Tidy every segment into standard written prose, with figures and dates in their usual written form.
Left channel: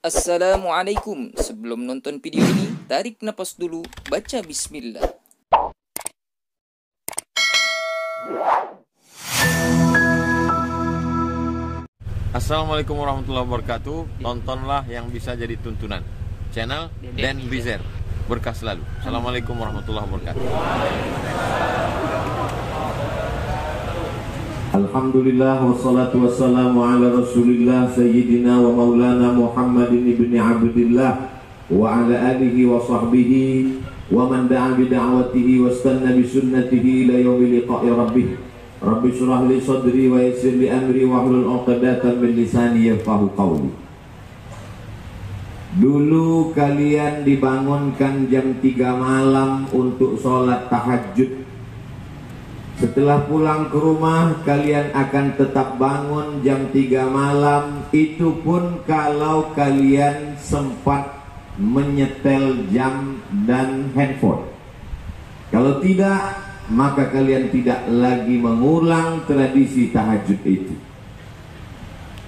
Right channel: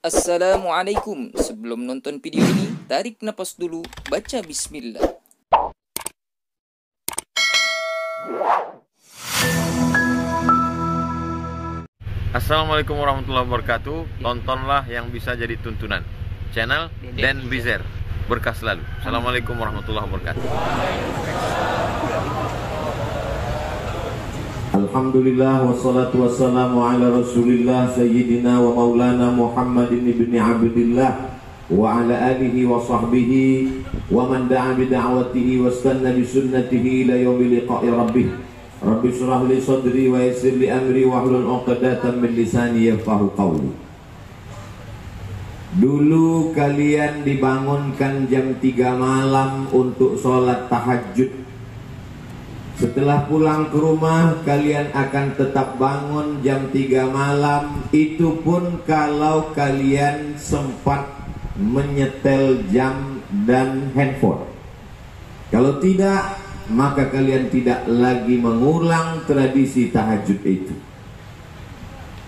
Assalamualaikum. Sebelum nonton video ini, tarik napas dulu, baca bismillah. Assalamualaikum warahmatullahi wabarakatuh. Tontonlah yang bisa jadi tuntunan channel Dan Bizer. Berkah selalu. Assalamualaikum warahmatullahi wabarakatuh. Alhamdulillah wassalatu wassalamu ala rasulillah sayyidina wa maulana Muhammadin ibni abdillah wa ala alihi wa sahbihi wa man da'a bida'watihi wa istanna bisunnatihi ila yaumil liqa'i rabbih. Rabbi shrah li sadri wa yassir li amri wa hlul 'uqdatam min lisani yafqahu qawli. Dulu kalian dibangunkan jam 3 malam untuk sholat tahajud. Setelah pulang ke rumah, kalian akan tetap bangun jam 3 malam. Itu pun kalau kalian sempat menyetel jam dan handphone. Kalau tidak, maka kalian tidak lagi mengulang tradisi tahajud itu.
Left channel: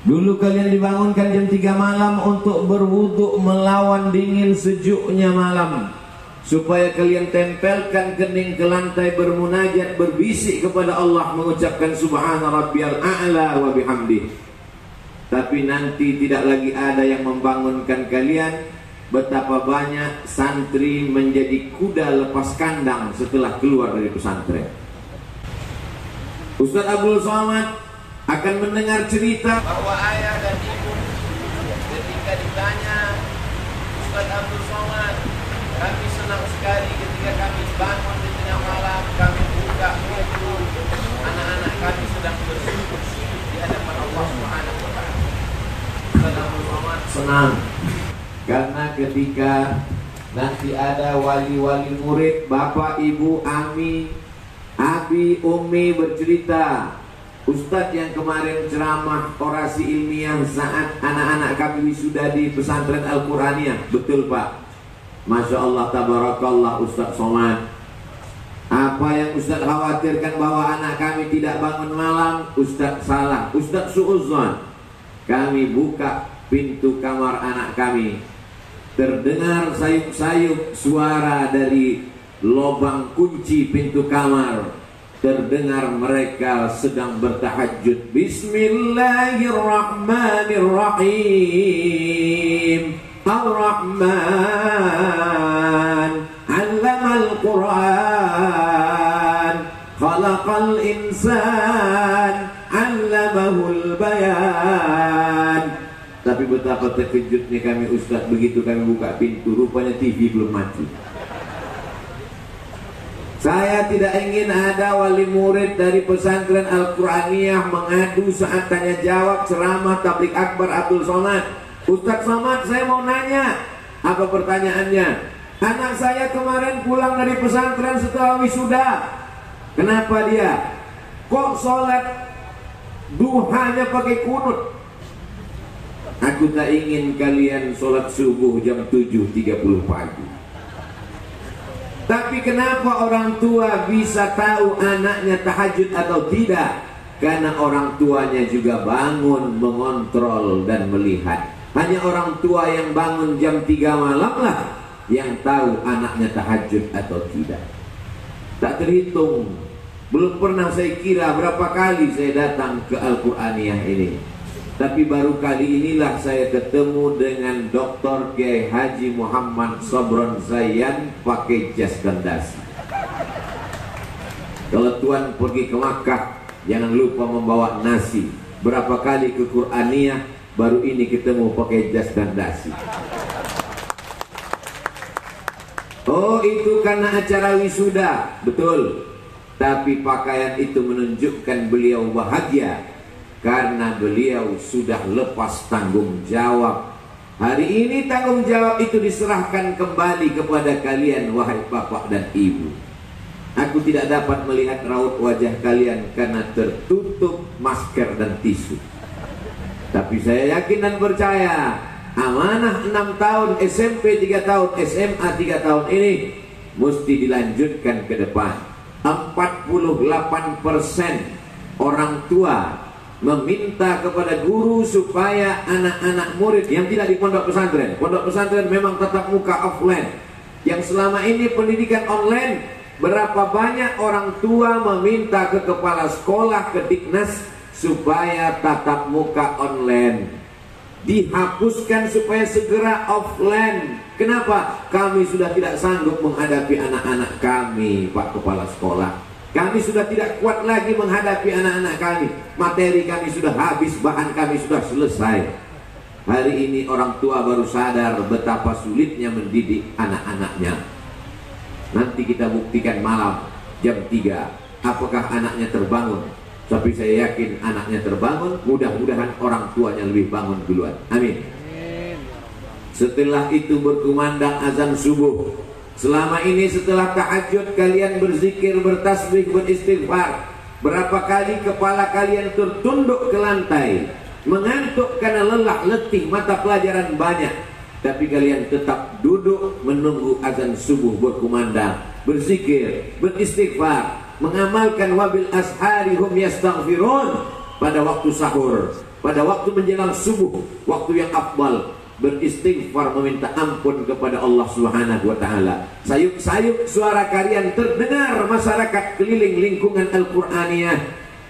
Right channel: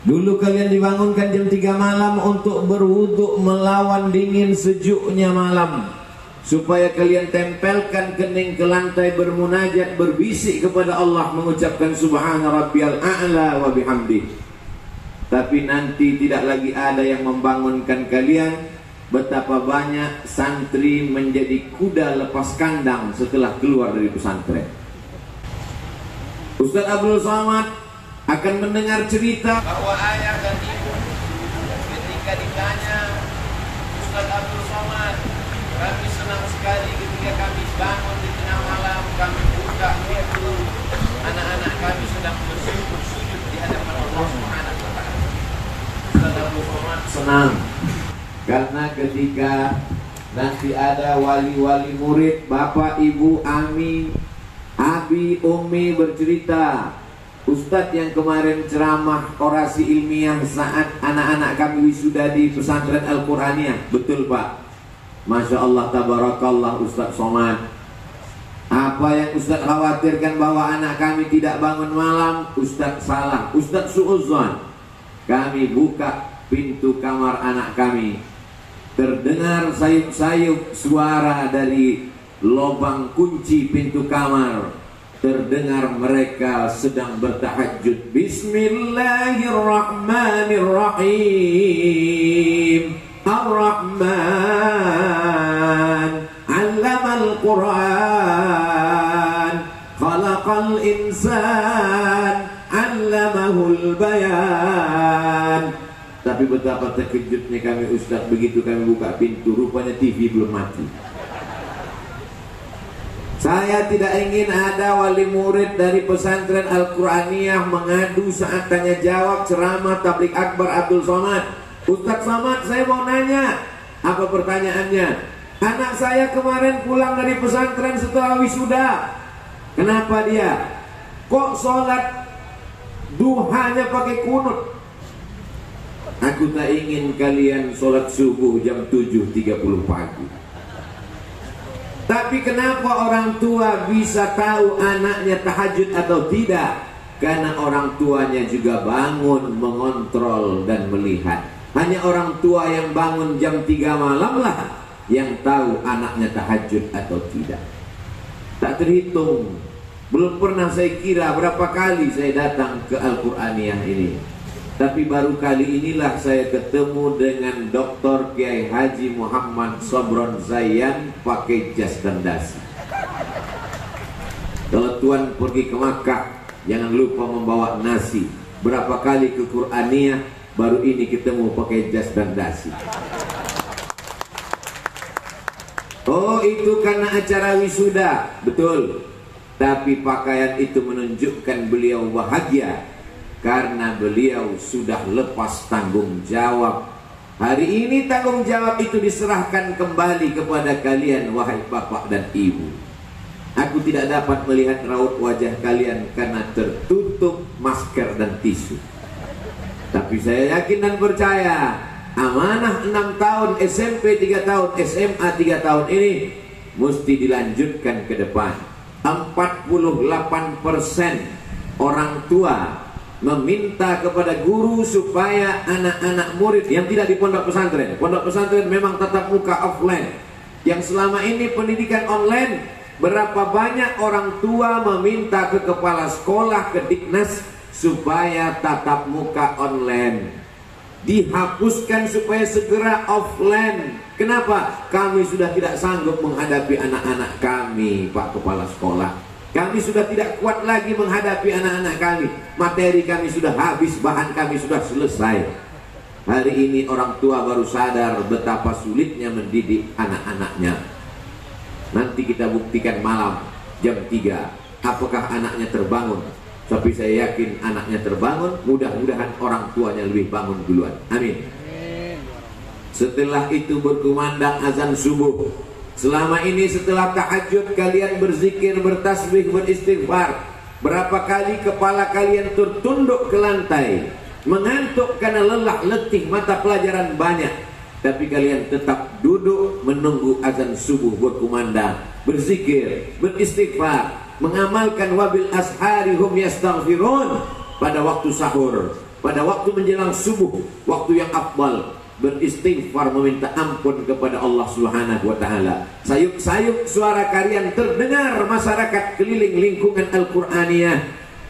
Dulu kalian dibangunkan jam 3 malam untuk berwudu melawan dingin sejuknya malam, supaya kalian tempelkan kening ke lantai, bermunajat, berbisik kepada Allah, mengucapkan subhana rabbiyal a'la wa bihamdih. Tapi nanti tidak lagi ada yang membangunkan kalian. Betapa banyak santri menjadi kuda lepas kandang setelah keluar dari pesantren. Ustaz Abdul Somad akan mendengar cerita bahwa ayah dan ibu ketika ditanya, Ustaz Abdul Somad, kami senang sekali ketika kami bangun di tengah malam, kami buka pintu, anak-anak kami sedang bersujud di hadapan Allah Subhanahu wa taala. Ustaz Abdul Somad senang karena ketika nanti ada wali-wali murid, bapak, ibu, ami, abi, umi bercerita, Ustadz yang kemarin ceramah orasi ilmiah saat anak-anak kami wisuda di pesantren Al-Quraniyah. Betul Pak, Masya Allah, tabarakallah Ustadz Somad. Apa yang Ustadz khawatirkan bahwa anak kami tidak bangun malam, Ustadz salah, Ustadz su'udzon. Kami buka pintu kamar anak kami, terdengar sayup-sayup suara dari lubang kunci pintu kamar. Terdengar mereka sedang bertahajud. Bismillahirrahmanirrahim. Ar-Rahman 'allamal Qur'an, khalaqal insan, 'allamahul bayan. Tapi betapa terkejutnya kami Ustaz begitu kami buka pintu, rupanya TV belum mati. Saya tidak ingin ada wali murid dari pesantren Al-Quraniyah mengadu saat tanya jawab ceramah tabligh akbar Abdul Somad. Ustaz Somad, saya mau nanya. Apa pertanyaannya? Anak saya kemarin pulang dari pesantren setelah wisuda. Kenapa dia? Kok sholat duhanya pakai kunut? Aku tak ingin kalian sholat subuh jam 7.30 pagi. Tapi kenapa orang tua bisa tahu anaknya tahajud atau tidak? Karena orang tuanya juga bangun, mengontrol dan melihat. Hanya orang tua yang bangun jam 3 malam lah yang tahu anaknya tahajud atau tidak. Tak terhitung. Belum pernah saya kira berapa kali saya datang ke Al-Quraniyah ini. Tapi baru kali inilah saya ketemu dengan Dr. Kiai Haji Muhammad Sobron Zayan pakai jas dan dasi. Kalau tuan pergi ke Makkah, jangan lupa membawa nasi. Berapa kali ke Quraniyah, baru ini ketemu pakai jas dan dasi. Oh, itu karena acara wisuda. Betul. Tapi pakaian itu menunjukkan beliau bahagia karena beliau sudah lepas tanggung jawab. Hari ini tanggung jawab itu diserahkan kembali kepada kalian, wahai bapak dan ibu. Aku tidak dapat melihat raut wajah kalian karena tertutup masker dan tisu. Tapi saya yakin dan percaya, amanah 6 tahun, SMP 3 tahun, SMA 3 tahun ini mesti dilanjutkan ke depan. 48% orang tua meminta kepada guru supaya anak-anak murid yang tidak di pondok pesantren memang tatap muka offline, yang selama ini pendidikan online, berapa banyak orang tua meminta ke kepala sekolah, ke Diknas supaya tatap muka online dihapuskan supaya segera offline. Kenapa? Kami sudah tidak sanggup menghadapi anak-anak kami, Pak Kepala Sekolah. Kami sudah tidak kuat lagi menghadapi anak-anak kami. Materi kami sudah habis, bahan kami sudah selesai. Hari ini orang tua baru sadar betapa sulitnya mendidik anak-anaknya. Nanti kita buktikan malam jam 3, apakah anaknya terbangun. Tapi saya yakin anaknya terbangun. Mudah-mudahan orang tuanya lebih bangun duluan. Amin. Setelah itu berkumandang azan subuh. Selama ini setelah tahajud kalian berzikir, bertasbih, beristighfar. Berapa kali kepala kalian tertunduk ke lantai, mengantuk karena lelah letih, mata pelajaran banyak, tapi kalian tetap duduk menunggu azan subuh berkumandang, berzikir, beristighfar, mengamalkan wabil ashari hum yastaghfirun. Pada waktu sahur, pada waktu menjelang subuh, waktu yang afdal, beristighfar, meminta ampun kepada Allah Subhanahu wa taala. Sayup-sayup suara kalian terdengar masyarakat keliling lingkungan Al-Qur'aniyah.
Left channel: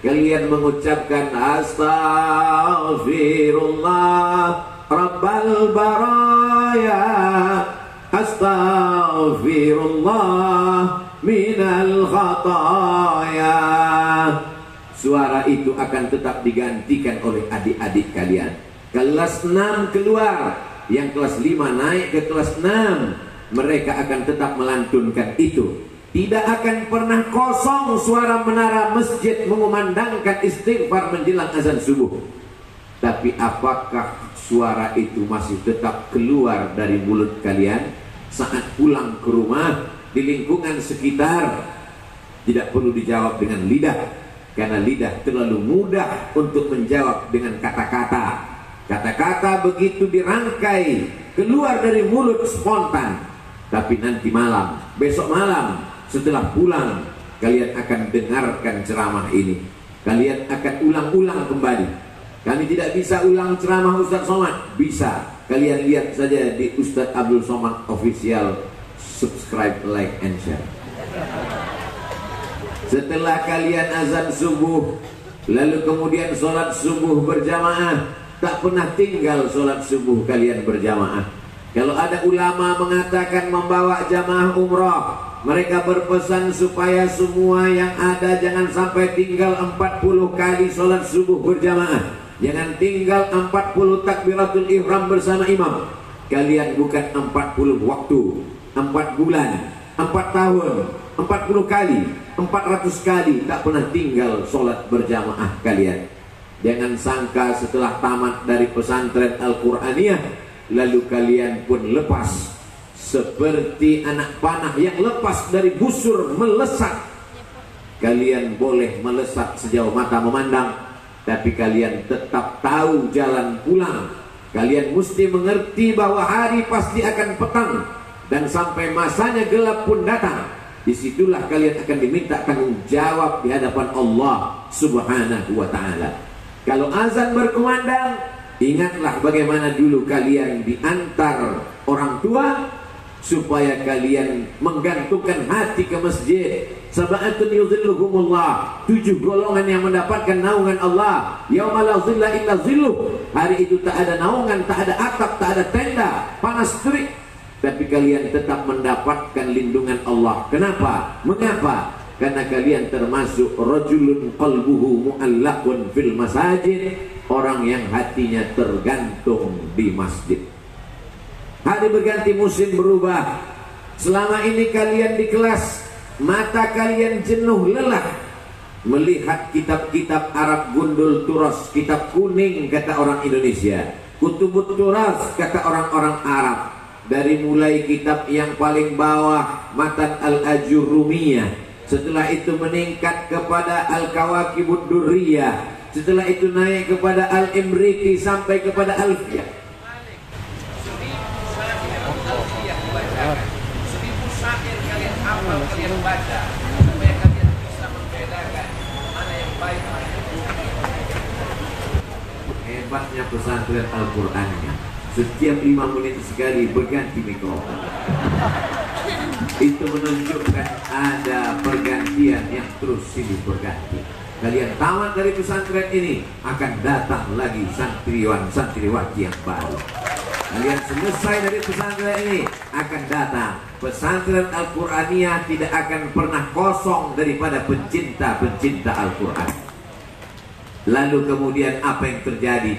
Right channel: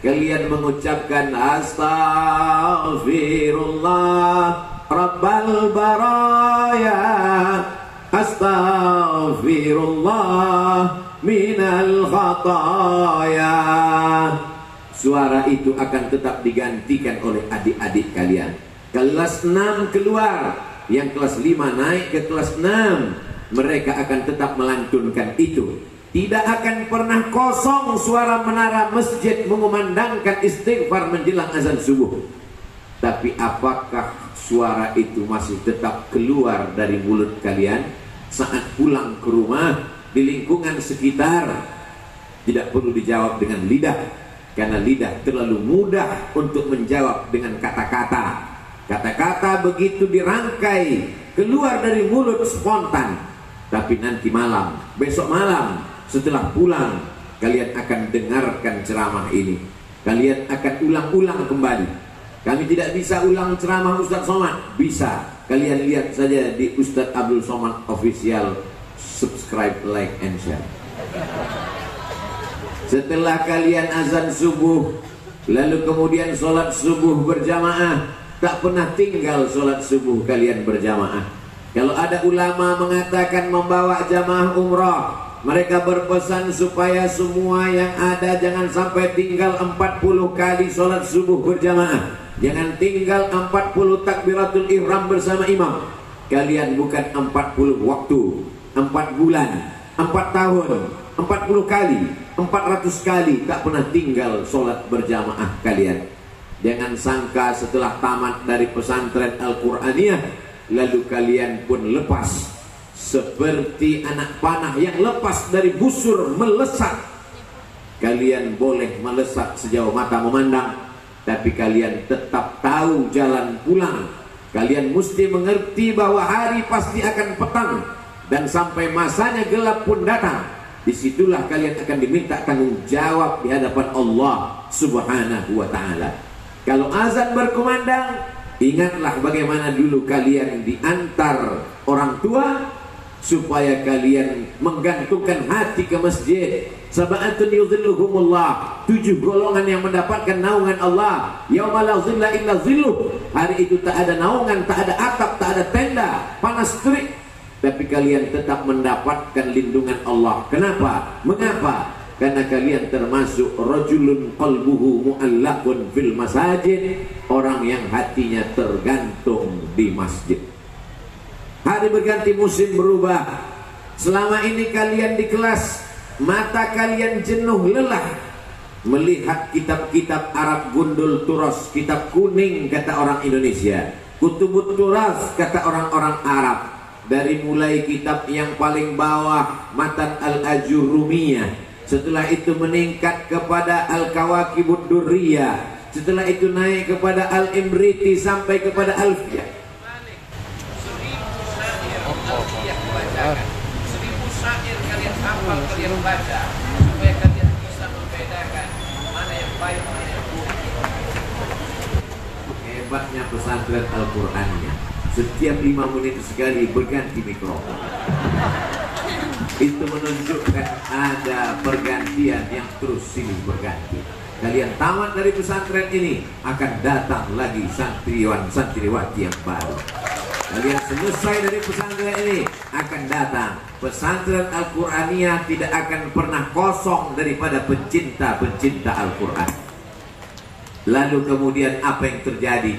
Kalian mengucapkan astaghfirullah rabbal baraya, astaghfirullah minal khataya. Suara itu akan tetap digantikan oleh adik-adik kalian. Kelas 6 keluar, yang kelas 5 naik ke kelas 6, mereka akan tetap melantunkan itu. Tidak akan pernah kosong suara menara masjid mengumandangkan istighfar menjelang azan subuh. Tapi apakah suara itu masih tetap keluar dari mulut kalian saat pulang ke rumah, di lingkungan sekitar? Tidak perlu dijawab dengan lidah, karena lidah terlalu mudah untuk menjawab dengan kata-kata. Kata-kata begitu dirangkai keluar dari mulut spontan. Tapi nanti malam, besok malam, setelah pulang, kalian akan dengarkan ceramah ini. Kalian akan ulang-ulang kembali. Kami tidak bisa ulang ceramah Ustaz Somad. Bisa, kalian lihat saja di Ustaz Abdul Somad Official. Subscribe, like, and share. Setelah kalian azan subuh, lalu kemudian sholat subuh berjamaah. Tak pernah tinggal sholat subuh kalian berjamaah. Kalau ada ulama mengatakan membawa jamaah umrah, mereka berpesan supaya semua yang ada jangan sampai tinggal 40 kali sholat subuh berjamaah. Jangan tinggal 40 takbiratul ihram bersama imam. Kalian bukan 40 waktu, 4 bulan, 4 tahun, 40 kali, 400 kali tak pernah tinggal sholat berjamaah kalian. Jangan sangka setelah tamat dari pesantren Al-Qur'aniyah lalu kalian pun lepas seperti anak panah yang lepas dari busur melesat. Kalian boleh melesat sejauh mata memandang, tapi kalian tetap tahu jalan pulang. Kalian mesti mengerti bahwa hari pasti akan petang, dan sampai masanya gelap pun datang. Disitulah kalian akan diminta tanggung jawab di hadapan Allah Subhanahu wa ta'ala. Kalau azan berkumandang, ingatlah bagaimana dulu kalian diantar orang tua supaya kalian menggantungkan hati ke masjid. Sab'atun yuzilluhumullah, 7 golongan yang mendapatkan naungan Allah. Yauma la zilla illa zilluh. Hari itu tak ada naungan, tak ada atap, tak ada tenda, panas terik, tapi kalian tetap mendapatkan lindungan Allah. Kenapa? Mengapa? Karena kalian termasuk rajulun qalbuhu mu'allaqun fil masajid, orang yang hatinya tergantung di masjid. Hari berganti, musim berubah. Selama ini kalian di kelas, mata kalian jenuh lelah melihat kitab-kitab Arab gundul turas, kitab kuning kata orang Indonesia, kutubut turas kata orang-orang Arab. Dari mulai kitab yang paling bawah, Matan al-Ajurrumiyah, setelah itu meningkat kepada Al-Kawakibud Durriyah, setelah itu naik kepada Al-Imriti sampai kepada Alfiyah. 1000 syair kalian hafal, kalian baca, supaya kalian bisa membedakan mana yang baik, mana yang buruk. hebatnya pesantren Al-Qur'annya. Setiap 5 menit sekali berganti mikrofon. Itu menunjukkan ada pergantian yang terus silih berganti. Kalian tamat dari pesantren ini, akan datang lagi santriwan-santriwati yang baru. Kalian selesai dari pesantren ini, akan datang pesantren Al-Qur'aniyah. Tidak akan pernah kosong daripada pencinta-pencinta Al-Quran. Lalu kemudian apa yang terjadi?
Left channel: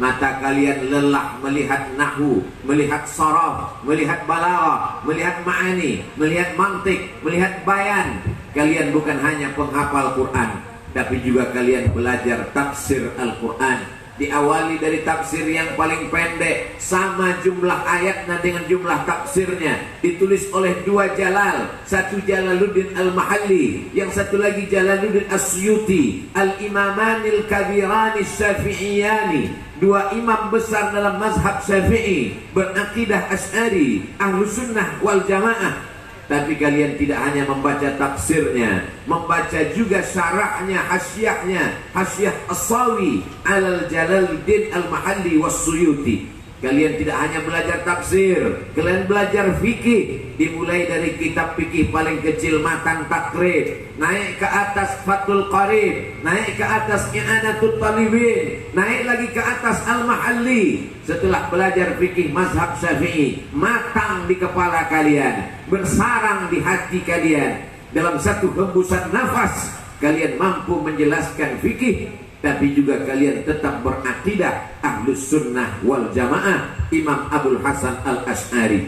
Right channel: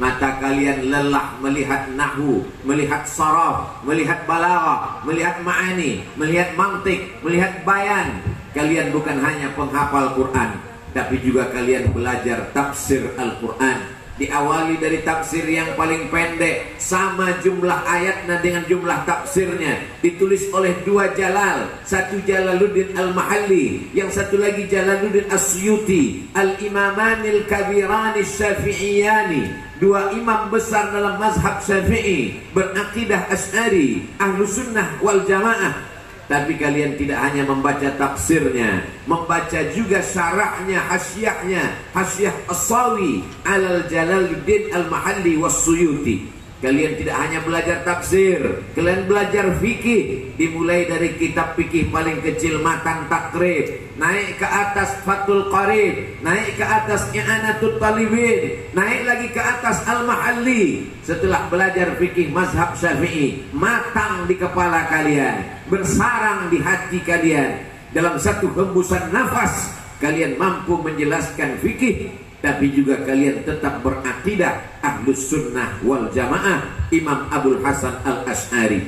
Mata kalian lelah melihat nahwu, melihat saraf, melihat balaghah, melihat ma'ani, melihat mantik, melihat bayan. Kalian bukan hanya penghafal Quran, tapi juga kalian belajar tafsir Al-Quran. Diawali dari tafsir yang paling pendek, sama jumlah ayatnya dengan jumlah tafsirnya, ditulis oleh 2 jalal, satu Jalaluddin Al-Mahalli, yang satu lagi Jalaluddin As-Suyuti, Al-Imamanil Kabirani Syafi'iyani, 2 imam besar dalam mazhab Syafi'i, berakidah Asy'ari, Ahlus Sunnah wal Jamaah. Tapi kalian tidak hanya membaca tafsirnya, membaca juga syarahnya, hasyiahnya, hasyiah As-Sawi Al-Jalaluddin Al-Mahalli was-Suyuti. Kalian tidak hanya belajar tafsir, kalian belajar fikih. Dimulai dari kitab fikih paling kecil Matan Takrib, naik ke atas Fathul Qarib, naik ke atas I'anatul Talibin, naik lagi ke atas Al-Mahalli. Setelah belajar fikih mazhab Syafi'i, matang di kepala kalian, bersarang di hati kalian. Dalam satu hembusan nafas, kalian mampu menjelaskan fikih, tapi juga kalian tetap berakidah Ahlus Sunnah wal Jamaah, Imam Abul Hasan Al-Asy'ari.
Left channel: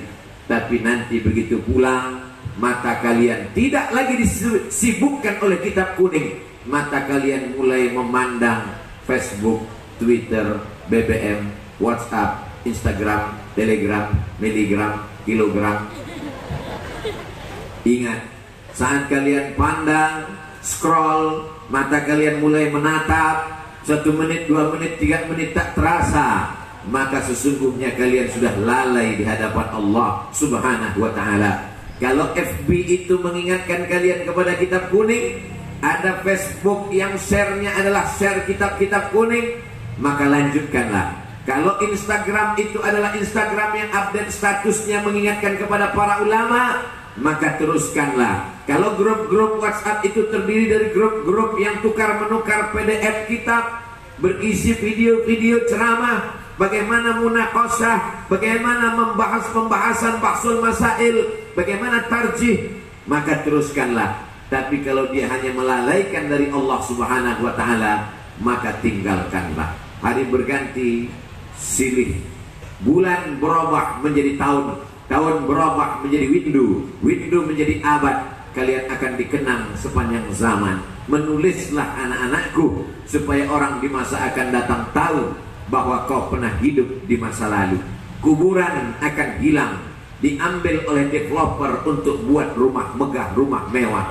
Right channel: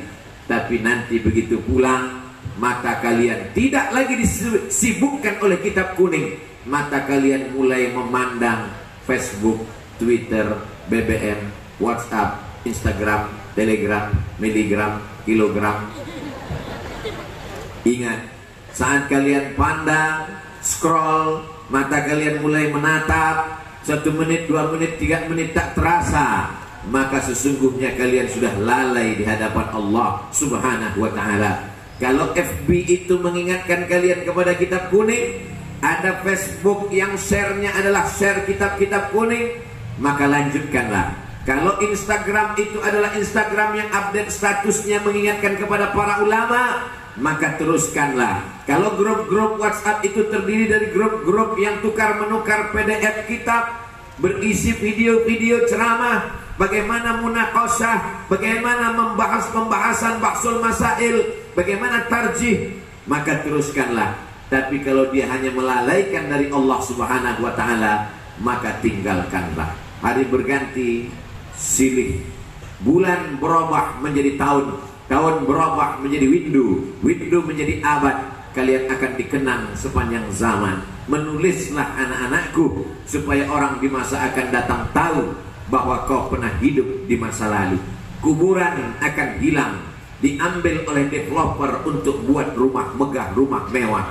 Tapi nanti begitu pulang, mata kalian tidak lagi disibukkan oleh kitab kuning. Mata kalian mulai memandang Facebook, Twitter, BBM, WhatsApp, Instagram, Telegram, miligram, kilogram. Ingat, saat kalian pandang, scroll, mata kalian mulai menatap, 1 menit, 2 menit, 3 menit tak terasa, maka sesungguhnya kalian sudah lalai di hadapan Allah Subhanahu wa ta'ala. Kalau FB itu mengingatkan kalian kepada kitab kuning, ada Facebook yang share-nya adalah share kitab-kitab kuning, maka lanjutkanlah. Kalau Instagram itu adalah Instagram yang update statusnya mengingatkan kepada para ulama, maka teruskanlah. Kalau grup-grup WhatsApp itu terdiri dari grup-grup yang tukar-menukar PDF kitab, berisi video-video ceramah, bagaimana munaqashah, bagaimana membahas pembahasan bahsul masail, bagaimana tarjih, maka teruskanlah. Tapi kalau dia hanya melalaikan dari Allah Subhanahu wa ta'ala, maka tinggalkanlah. Hari berganti, silih. Bulan berubah menjadi tahun, tahun berubah menjadi windu, windu menjadi abad. Kalian akan dikenang sepanjang zaman. Menulislah anak-anakku, supaya orang di masa akan datang tahu bahwa kau pernah hidup di masa lalu. Kuburan akan hilang, diambil oleh developer untuk buat rumah megah, rumah mewah.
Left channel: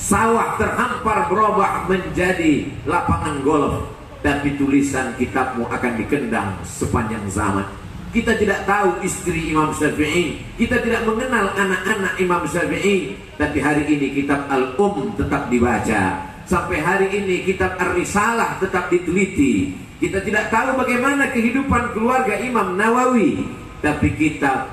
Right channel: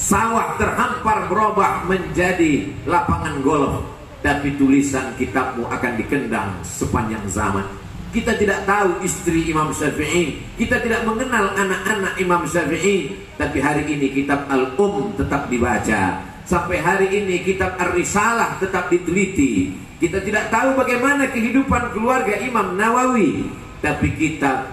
Sawah terhampar berubah menjadi lapangan golf, tapi tulisan kitabmu akan dikendang sepanjang zaman. Kita tidak tahu istri Imam Syafi'i, kita tidak mengenal anak-anak Imam Syafi'i, tapi hari ini kitab tetap dibaca. Sampai hari ini kitab Ar-Risalah tetap diteliti. Kita tidak tahu bagaimana kehidupan keluarga Imam Nawawi, tapi kitab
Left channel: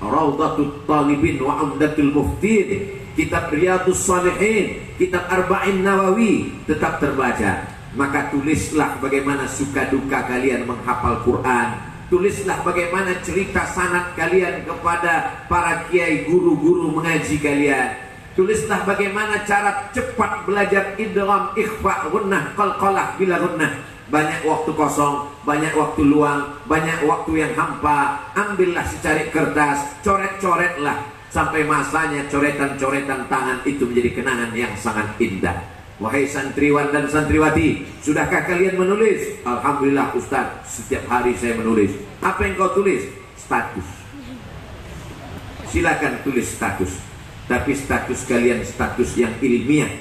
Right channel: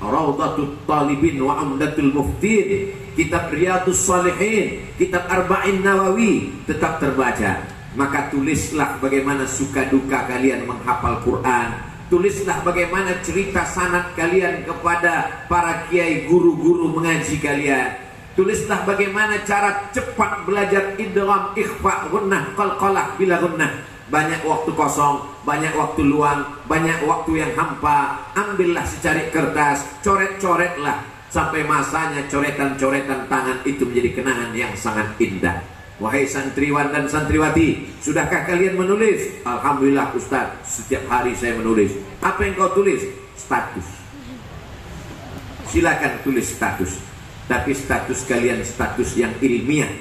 Rawdatul Talibin wa Umdatul Muftin, kitab Riyadhus Shalihin, kitab Arba'in Nawawi tetap terbaca. Maka tulislah bagaimana suka duka kalian menghafal Quran. Tulislah bagaimana cerita sanad kalian kepada para kiai, guru-guru mengaji kalian. Tulislah bagaimana cara cepat belajar idgham, ikhfa, gunnah, qalqalah bila gunnah. Banyak waktu kosong, banyak waktu luang, banyak waktu yang hampa. Ambillah secari kertas, coret-coretlah, sampai masanya coretan-coretan tangan itu menjadi kenangan yang sangat indah. Wahai santriwan dan santriwati, sudahkah kalian menulis? Alhamdulillah Ustaz, setiap hari saya menulis. Apa yang kau tulis? Status. Silakan tulis status, tapi status kalian status yang ilmiah.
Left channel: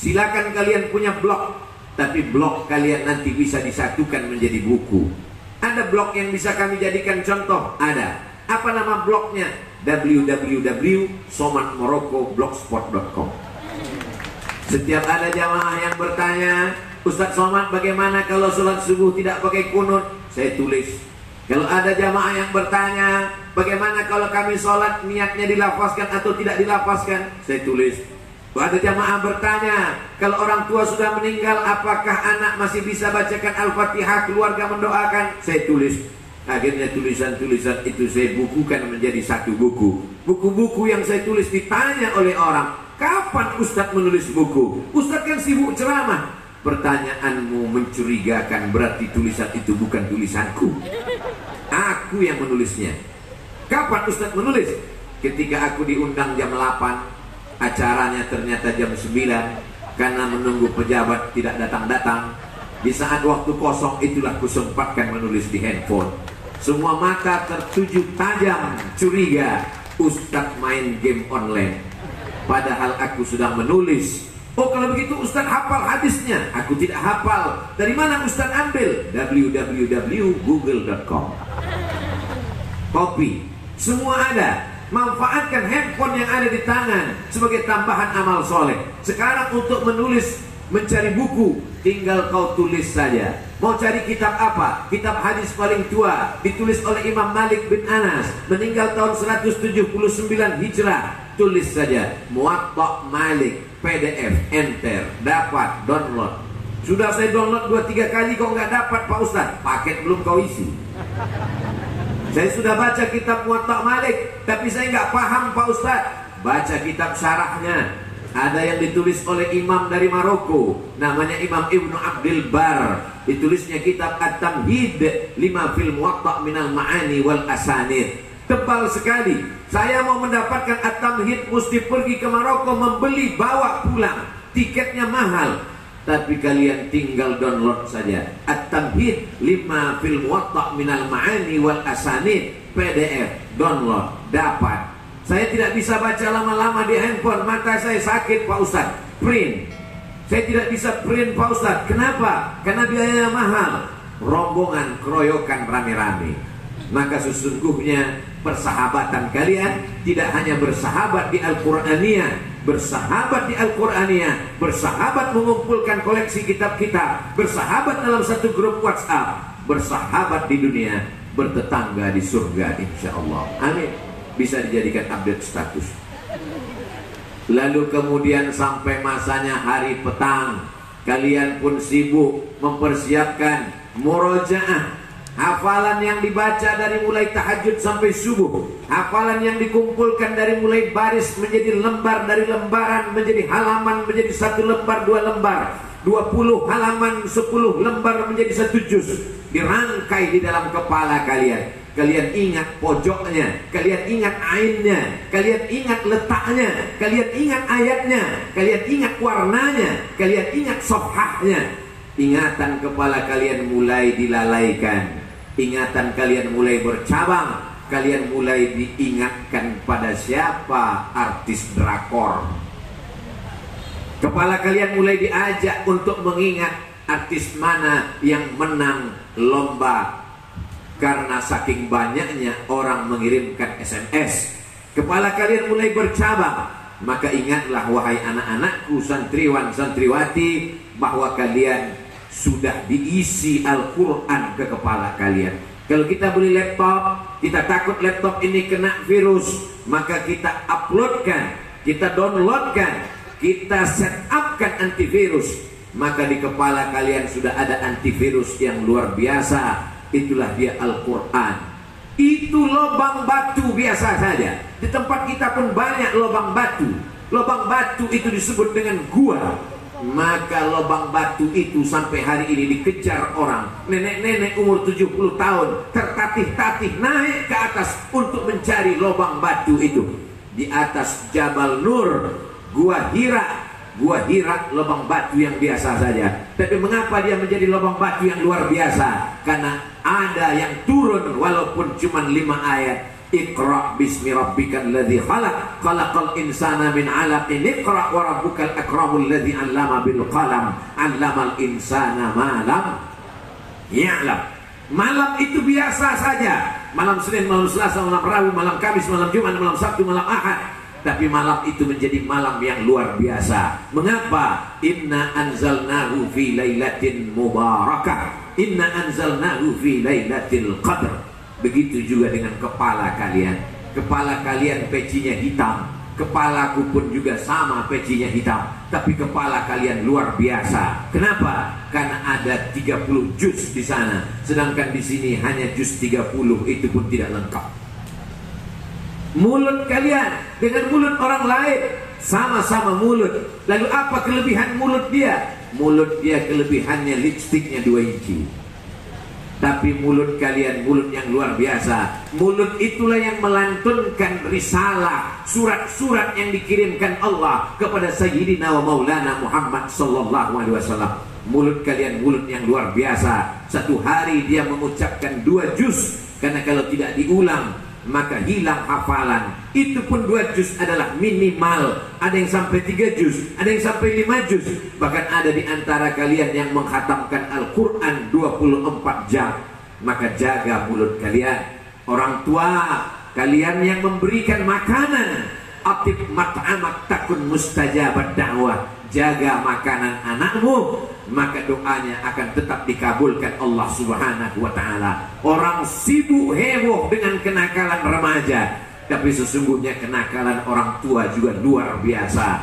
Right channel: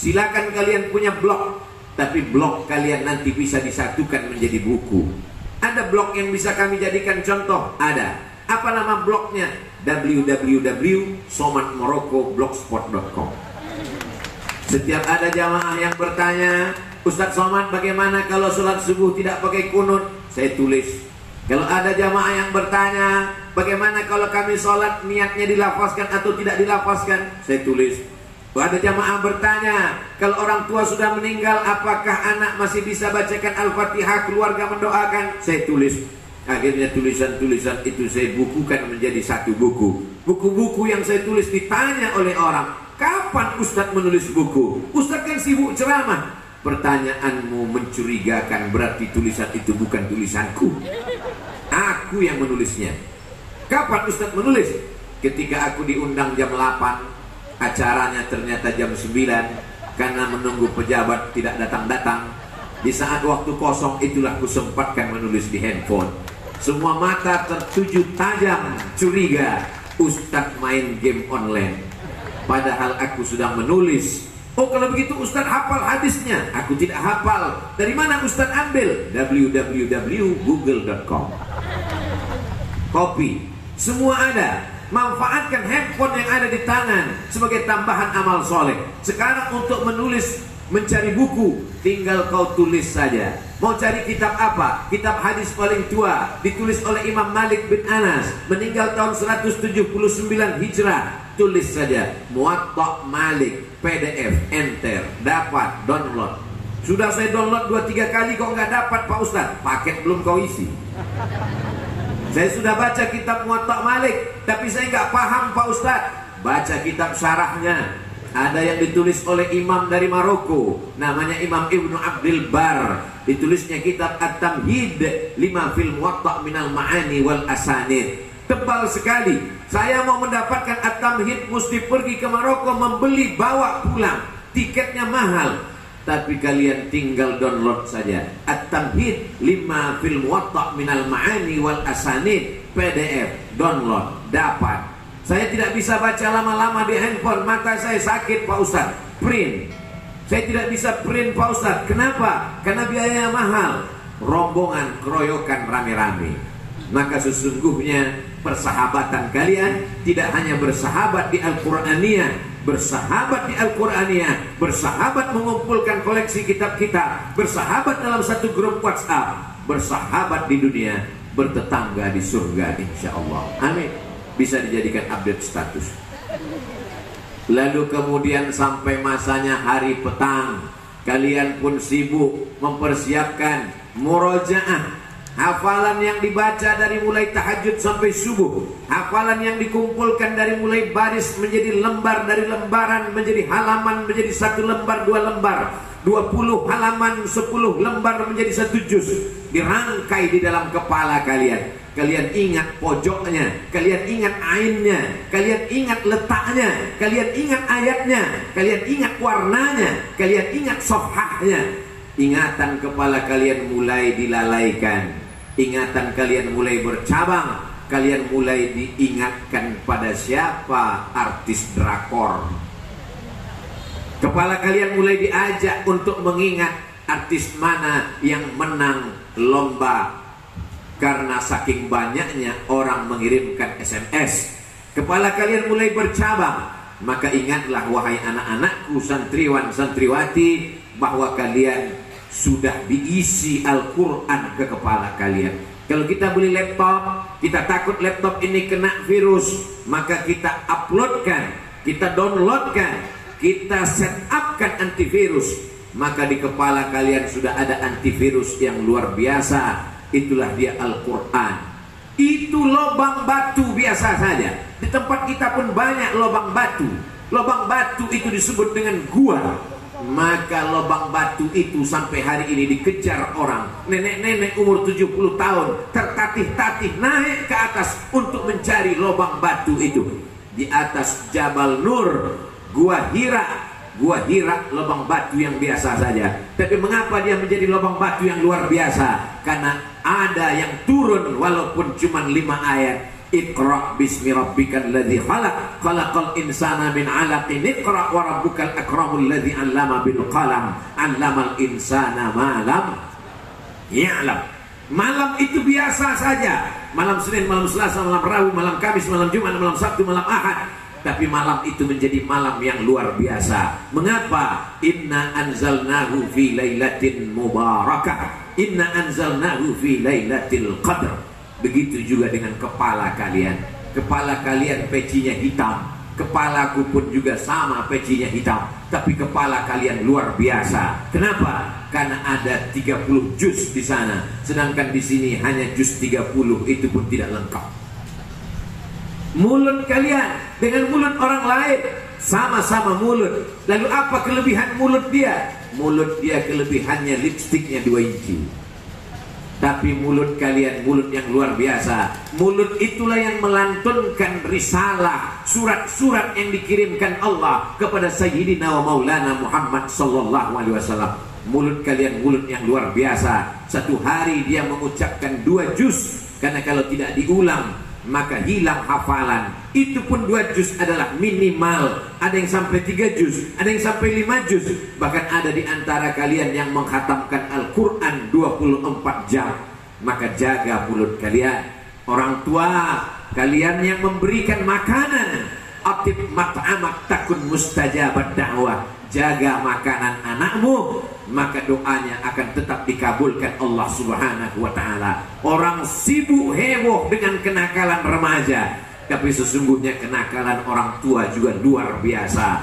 Silakan kalian punya blog, tapi blog kalian nanti bisa disatukan menjadi buku. Ada blog yang bisa kami jadikan contoh? Ada. Apa nama blognya? www.somatmoroccoblogspot.com. Setiap ada jamaah yang bertanya, Ustaz Somad, bagaimana kalau sholat subuh tidak pakai kunut? Saya tulis. Kalau ada jamaah yang bertanya, bagaimana kalau kami sholat niatnya dilafazkan atau tidak dilafazkan? Saya tulis. Kalau ada jamaah bertanya, kalau orang tua sudah meninggal, apakah anak masih bisa bacakan Al-Fatihah, keluarga mendoakan? Saya tulis. Akhirnya tulisan-tulisan itu saya bukukan menjadi satu buku. Buku-buku yang saya tulis ditanya oleh orang, kapan Ustaz menulis buku? Ustaz kan sibuk ceramah. Pertanyaanmu mencurigakan, berarti tulisan itu bukan tulisanku. Aku yang menulisnya. Kapan Ustaz menulis? Ketika aku diundang jam 8, acaranya ternyata jam 9, karena menunggu pejabat tidak datang-datang. Di saat waktu kosong itulah kusempatkan menulis di handphone. Semua mata tertuju tajam, curiga, Ustaz main game online. Padahal aku sudah menulis. Oh, kalau begitu Ustaz hafal hadisnya. Aku tidak hafal. Dari mana Ustaz ambil? www.google.com. Kopi, semua ada. Manfaatkan handphone yang ada di tangan sebagai tambahan amal soleh. Sekarang untuk menulis, mencari buku, tinggal kau tulis saja. Mau cari kitab apa? Kitab hadis paling tua, ditulis oleh Imam Malik bin Anas, meninggal tahun 179 Hijrah. Tulis saja Muwatta Malik, PDF, enter, dapat, download. Sudah saya download 2-3 kali kok nggak dapat Pak Ustaz. Paket belum kau isi. Saya sudah baca kitab Muwatta Malik, tapi saya nggak paham Pak Ustaz. Baca kitab syarahnya. Ada yang ditulis oleh imam dari Maroko, namanya Imam Ibnu Abdul Bar. Ditulisnya kitab At-Tamhid lima fil Muwatta minal ma'ani wal asanid. Tebal sekali. Saya mau mendapatkan At-Tamhid mesti pergi ke Maroko, membeli, bawa pulang. Tiketnya mahal. Tapi kalian tinggal download saja At-Tamhid lima fil Muwatta minal ma'ani wal asanid, PDF, download, dapat. Saya tidak bisa baca lama-lama di handphone, mata saya sakit Pak Ustaz. Print. Saya tidak bisa print Pak Ustaz. Kenapa? Karena biayanya mahal. Rombongan, keroyokan, rame-rame. Maka sesungguhnya persahabatan kalian tidak hanya bersahabat di Al-Quraniyah, bersahabat di Al-Quraniyah, bersahabat mengumpulkan koleksi kitab-kitab, bersahabat dalam satu grup WhatsApp, bersahabat di dunia, bertetangga di surga insyaallah. Amin. Bisa dijadikan update status. Lalu kemudian sampai masanya hari petang, kalian pun sibuk mempersiapkan murojaah, hafalan yang dibaca dari mulai tahajud sampai subuh, hafalan yang dikumpulkan dari mulai baris menjadi lembar, dari lembaran menjadi halaman, menjadi satu lembar, dua lembar, 20 halaman, 10 lembar menjadi satu juz, dirangkai di dalam kepala kalian. Kalian ingat pojoknya, kalian ingat ainnya, kalian ingat letaknya, kalian ingat ayatnya, kalian ingat warnanya, kalian ingat safhahnya. Ingatan kepala kalian mulai dilalaikan, ingatan kalian mulai bercabang, kalian mulai diingatkan pada siapa artis drakor. Kepala kalian mulai diajak untuk mengingat artis mana yang menang lomba. Karena saking banyaknya orang mengirimkan SMS, kepala kalian mulai bercabang. Maka ingatlah wahai anak-anakku, santriwan santriwati, bahwa kalian sudah diisi Al-Quran ke kepala kalian. Kalau kita beli laptop, kita takut laptop ini kena virus, maka kita uploadkan, kita downloadkan, kita setupkan antivirus. Maka di kepala kalian sudah ada antivirus yang luar biasa. Itulah dia Al-Quran. Itu lubang batu biasa saja. Di tempat kita pun banyak lubang batu. Lubang batu itu disebut dengan gua. Maka lubang batu itu sampai hari ini dikejar orang. Nenek-nenek umur 70 tahun tertatih-tatih naik ke atas untuk mencari lubang batu itu. Di atas Jabal Nur, Gua Hira. Gua Hira lubang batu yang biasa saja. Tapi mengapa dia menjadi lubang batu yang luar biasa? Karena ada yang turun walaupun cuma 5 ayat. Iqra bismi rabbikal ladzi khalaq, khalaqal insana min 'alaqin, iqra wa rabbukal akramul ladzi 'allama bil qalam, 'allamal insana ma lam ya'lam. Malam itu biasa saja. Malam Senin, malam Selasa, malam Rabu, malam Kamis, malam Jumat, malam Sabtu, malam Ahad. tapi malam itu menjadi malam yang luar biasa. Mengapa? Inna anzalnahu fi lailatin mubarakah. Inna anzalnahu fi lailatul qadr. Begitu juga dengan kepala kalian. Kepala kalian pecinya hitam, kepalaku pun juga sama pecinya hitam, tapi kepala kalian luar biasa. Kenapa? Karena ada 30 juz di sana, sedangkan di sini hanya juz 30, itu pun tidak lengkap. Mulut kalian dengan mulut orang lain sama-sama mulut. Lalu apa kelebihan mulut dia? Mulut dia kelebihannya lipstiknya 2 inci. Tapi mulut kalian mulut yang luar biasa. Mulut itulah yang melantunkan risalah, surat-surat yang dikirimkan Allah kepada Sayyidina wa Maulana Muhammad sallallahu alaihi wasallam. Mulut kalian mulut yang luar biasa. Satu hari dia mengucapkan 2 juz, karena kalau tidak diulang maka hilang hafalan. Itu pun 2 juz adalah minimal. Ada yang sampai 3 juz, ada yang sampai 5 juz. Bahkan ada di antara kalian yang mengkhatamkan Al-Quran 24 jam. Maka jaga mulut kalian. Orang tua kalian yang memberikan makanan, atib mat'amak takun mustajabat da'wah. Jaga makanan anakmu, maka doanya akan tetap dikabulkan Allah Subhanahu wa ta'ala. Orang sibuk heboh dengan kenakalan remaja, tapi sesungguhnya kenakalan orang tua juga luar biasa.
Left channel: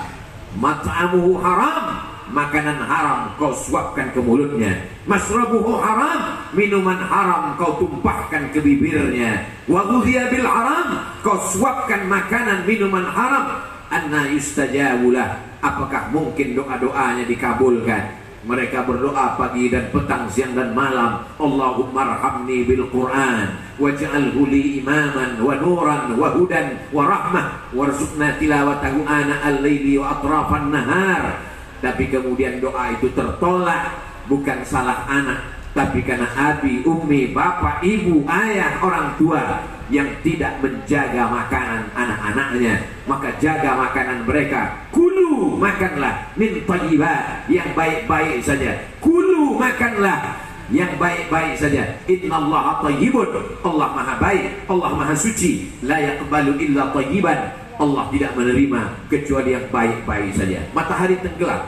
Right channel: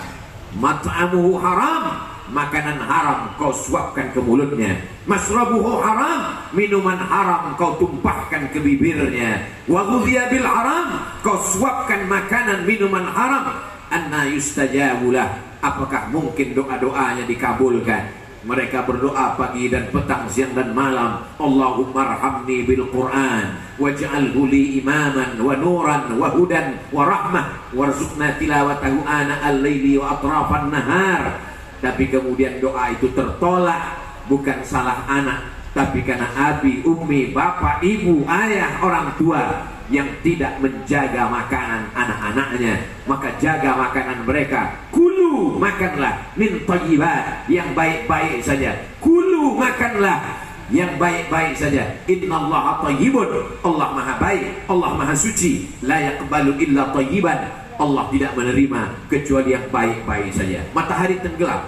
Mat'amuhu haram, makanan haram kau suapkan ke mulutnya. Masrabuhu haram, minuman haram kau tumpahkan ke bibirnya. Wa ghudhiya bil haram, kau suapkan makanan minuman haram. Anna yustajabulah, apakah mungkin doa-doanya dikabulkan? Mereka berdoa pagi dan petang, siang dan malam. Allahumma arhamni bil Quran waj'alhu li imaman wa nuran wa hudan wa rahmah warzuqna tilawatahu ana al-laili wa atrafan nahar. Tapi kemudian doa itu tertolak, bukan salah anak, tapi karena abi, ummi, bapak, ibu, ayah, orang tua yang tidak menjaga makanan anak-anaknya. Maka jaga makanan mereka. Kulu, makanlah min thayyibat, yang baik-baik saja. Kulu, makanlah yang baik-baik saja. Innallaha thayyibun, Allah maha baik, Allah maha suci. La yaqbalu illa thayyiban, Allah tidak menerima kecuali yang baik-baik saja. Matahari tenggelam.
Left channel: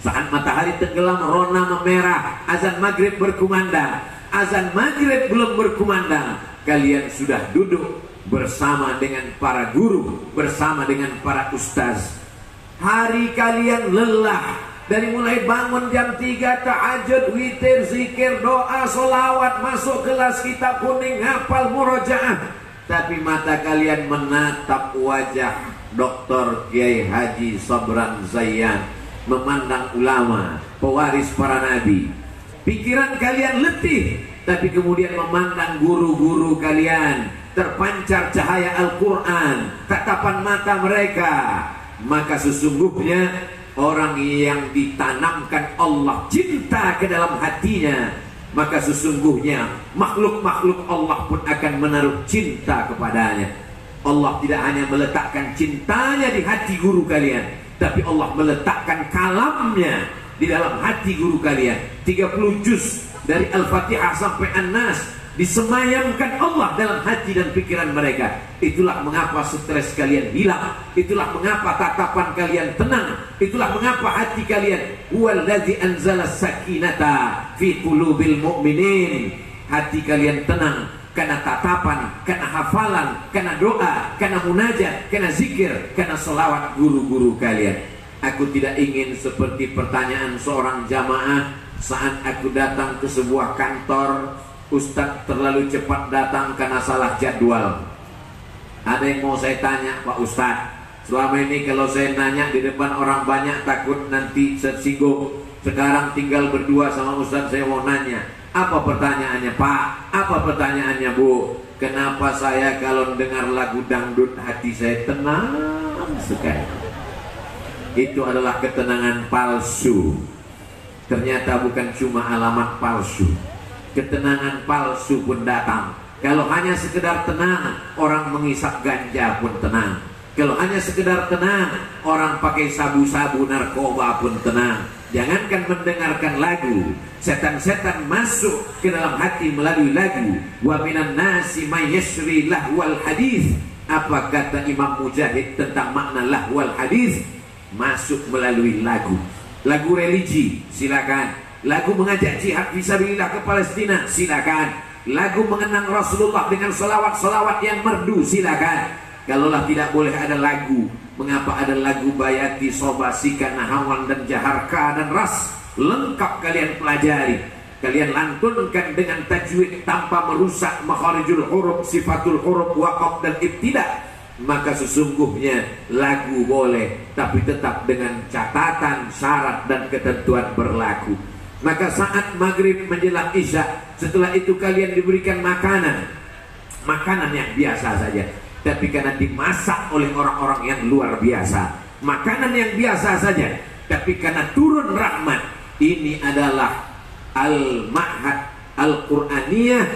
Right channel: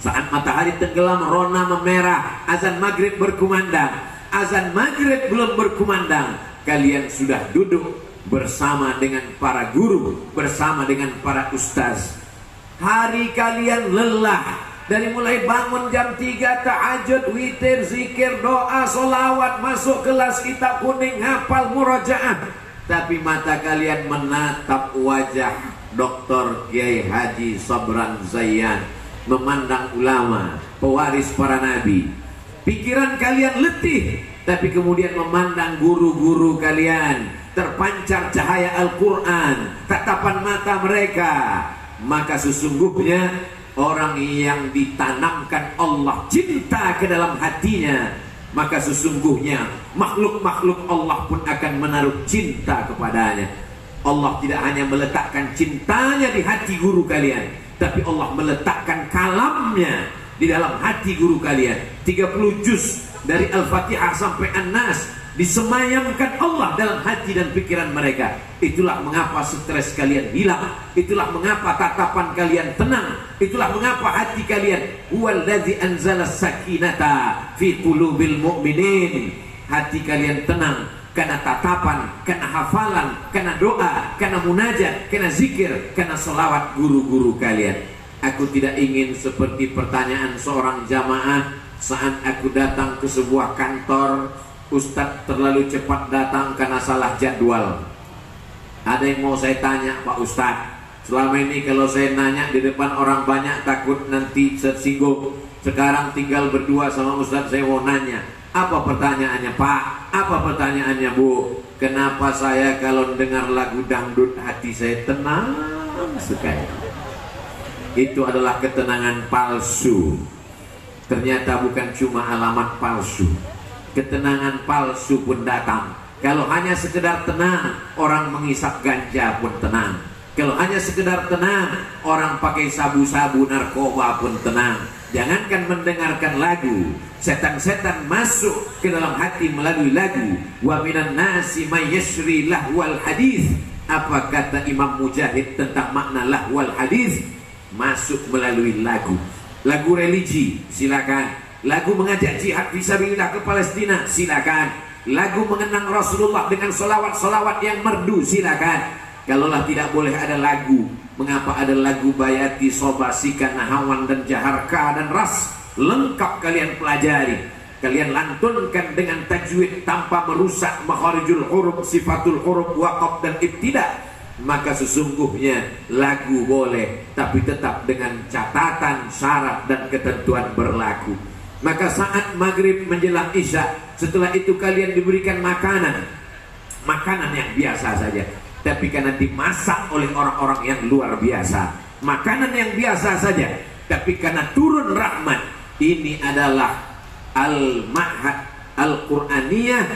Saat matahari tenggelam, rona memerah, azan maghrib berkumandang. Azan maghrib belum berkumandang, kalian sudah duduk bersama dengan para guru, bersama dengan para ustaz. Hari kalian lelah, dari mulai bangun jam 3, tahajud, witir, zikir, doa, solawat, masuk kelas kitab kuning, hafal murojaah. Tapi mata kalian menatap wajah Dr. Kiai Haji Sabran Zayyan, memandang ulama, pewaris para nabi. Pikiran kalian letih, tapi kemudian memandang guru-guru kalian, terpancar cahaya Al-Quran, tatapan mata mereka. Maka sesungguhnya orang yang ditanamkan Allah cinta ke dalam hatinya, maka sesungguhnya makhluk-makhluk Allah pun akan menaruh cinta kepadanya. Allah tidak hanya meletakkan cintanya di hati guru kalian, tapi Allah meletakkan kalamnya di dalam hati guru kalian. 30 juz dari Al-Fatihah sampai An-Nas disemayamkan Allah dalam hati dan pikiran mereka. Itulah mengapa stres kalian hilang, itulah mengapa tatapan kalian tenang, itulah mengapa hati kalian huwallazi anzala sakinata fi qulubil mu'minin. Hati kalian tenang karena tatapan, karena hafalan, karena doa, karena munajat, karena zikir, karena selawat guru-guru kalian. Aku tidak ingin seperti pertanyaan seorang jamaah saat aku datang ke sebuah kantor, Ustadz terlalu cepat datang karena salah jadwal. Ada yang mau saya tanya, Pak Ustadz, selama ini kalau saya nanya di depan orang banyak takut nanti tersinggung. Sekarang tinggal berdua sama Ustadz, saya mau nanya, apa pertanyaannya Pak? Apa pertanyaannya Bu? Kenapa saya kalau dengar lagu dangdut hati saya tenang sekali? Itu adalah ketenangan palsu. Ternyata bukan cuma alamat palsu, ketenangan palsu pun datang. Kalau hanya sekedar tenang, orang mengisap ganja pun tenang. Kalau hanya sekedar tenang, orang pakai sabu-sabu narkoba pun tenang. Jangankan mendengarkan lagu, setan-setan masuk ke dalam hati melalui lagu. Wa minan nasi may yashri lahwal hadis. Apa kata Imam Mujahid tentang makna lahwal hadis? Masuk melalui lagu. Lagu religi, silakan. Lagu mengajak jihad fisabilillah ke Palestina, silakan. Lagu mengenang Rasulullah dengan selawat-selawat yang merdu, silakan. Kalaulah tidak boleh ada lagu, mengapa ada lagu Bayati, Sobasika, Nahawan dan Jaharka dan Ras? Lengkap kalian pelajari. Kalian lantunkan dengan tajwid tanpa merusak makharijul huruf, sifatul huruf, waqaf dan ibtida. Maka sesungguhnya lagu boleh, tapi tetap dengan catatan, syarat dan ketentuan berlaku. Maka saat maghrib menjelang isya, setelah itu kalian diberikan makanan yang biasa saja, tapi karena dimasak oleh orang-orang yang luar biasa. Makanan yang biasa saja, tapi karena turun rahmat. Ini adalah al-ma'had al-Qur'aniyah,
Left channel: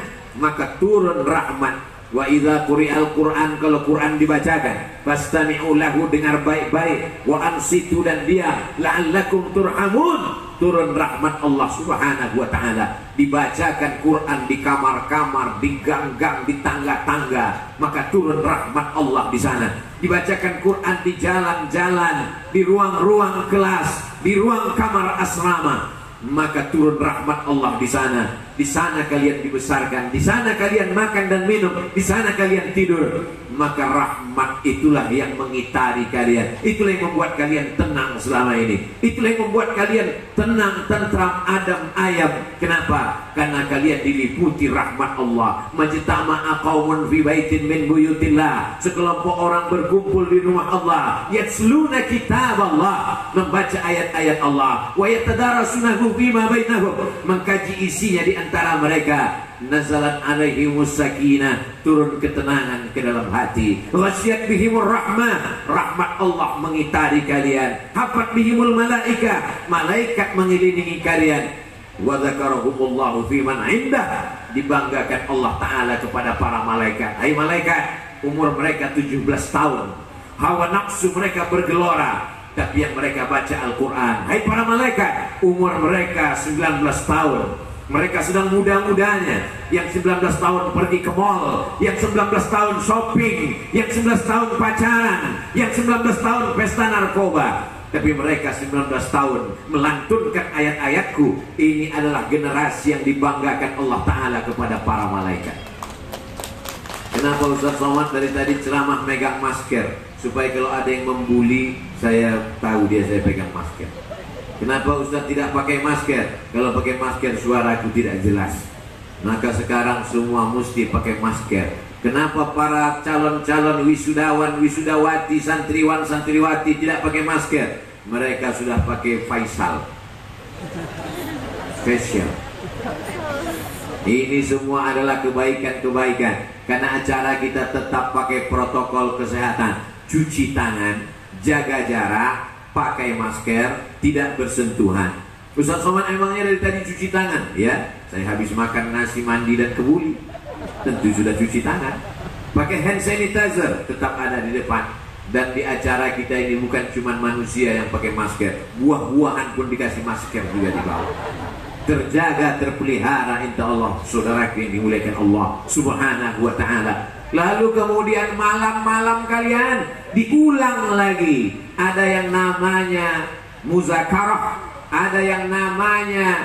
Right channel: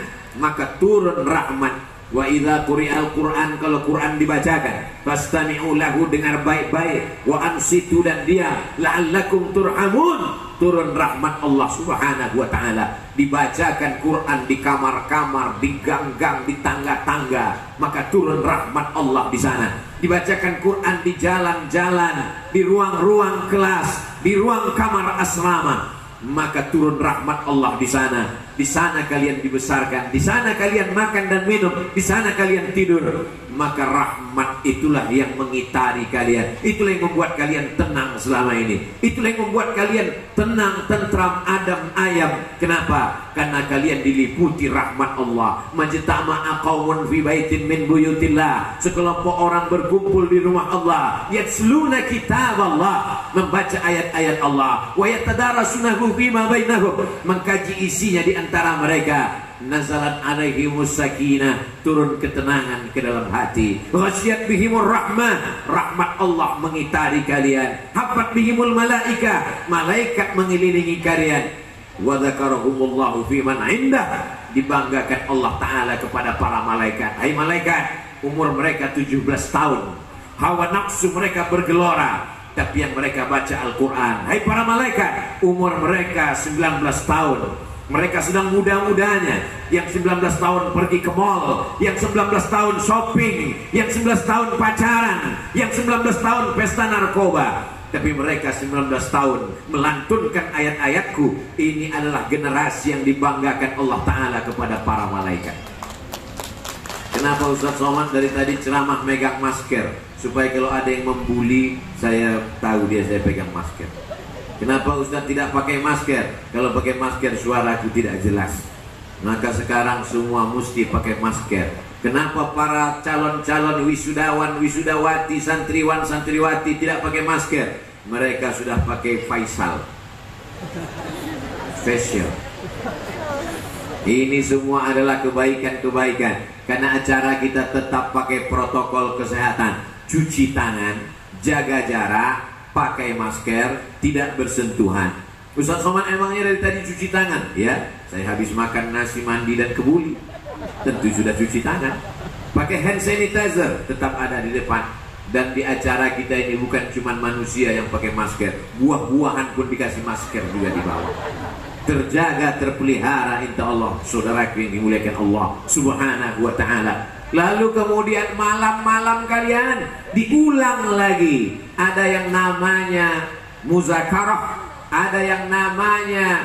maka turun rahmat. Wa idza quri'al Qur'an, kalau Quran dibacakan, fastami'u lahu, dengar baik-baik, wa ansitu, dan dia la'allakum turhamun. Turun rahmat Allah Subhanahu wa ta'ala. Dibacakan Quran di kamar-kamar, di gang-gang, di tangga-tangga, maka turun rahmat Allah di sana. Dibacakan Quran di jalan-jalan, di ruang-ruang kelas, di ruang kamar asrama, maka turun rahmat Allah di sana. Di sana kalian dibesarkan, di sana kalian makan dan minum, di sana kalian tidur. Maka rahmat itulah yang mengitari kalian. Itulah yang membuat kalian tenang selama ini. Itulah yang membuat kalian tenang, tentram, adem, ayam. Kenapa? Karena kalian diliputi rahmat Allah. Majtama'a qaumun fi baitin min buyutillah. Sekelompok orang berkumpul di rumah Allah. Yatsluna kitab Allah, membaca ayat-ayat Allah. Wa yatadarasunahu fima bainahum, mengkaji isinya di antara mereka. Nazalat alaihimus sakinah, turun ketenangan ke dalam hati. Wasyat bihimur rahmah, rahmat Allah mengitari kalian. Hafat bihimul malaika, malaikat mengelilingi kalian. Wa dzakarahumullahu fi man indah, dibanggakan Allah Ta'ala kepada para malaikat. Hai malaikat, umur mereka 17 tahun, hawa nafsu mereka bergelora, tapi yang mereka baca Al-Quran. Hai para malaikat, umur mereka 19 tahun, mereka sedang muda-mudanya. Yang 19 tahun pergi ke mall, yang 19 tahun shopping, yang 19 tahun pacaran, yang 19 tahun pesta narkoba. Tapi mereka 19 tahun melantunkan ayat-ayatku. Ini adalah generasi yang dibanggakan Allah Ta'ala kepada para malaikat. Kenapa Ustaz Somad dari tadi ceramah megang masker? Supaya kalau ada yang membuli, saya tahu saya pegang masker. Kenapa Ustaz tidak pakai masker? Kalau pakai masker suaraku tidak jelas. Maka sekarang semua mesti pakai masker. Kenapa para calon-calon wisudawan, wisudawati, santriwan, santriwati tidak pakai masker? Mereka sudah pakai facial. Ini semua adalah kebaikan-kebaikan. Karena acara kita tetap pakai protokol kesehatan. Cuci tangan, jaga jarak, pakai masker, tidak bersentuhan. Ustaz Somad emangnya dari tadi cuci tangan? Ya, saya habis makan nasi, mandi dan kebuli, tentu sudah cuci tangan. Pakai hand sanitizer, tetap ada di depan. Dan di acara kita ini bukan cuma manusia yang pakai masker, buah-buahan pun dikasih masker juga di bawah. Terjaga, terpelihara insya Allah, saudara yang dimuliakan Allah Subhanahu wa ta'ala. Lalu kemudian malam-malam kalian diulang lagi. Ada yang namanya muzakarah, ada yang namanya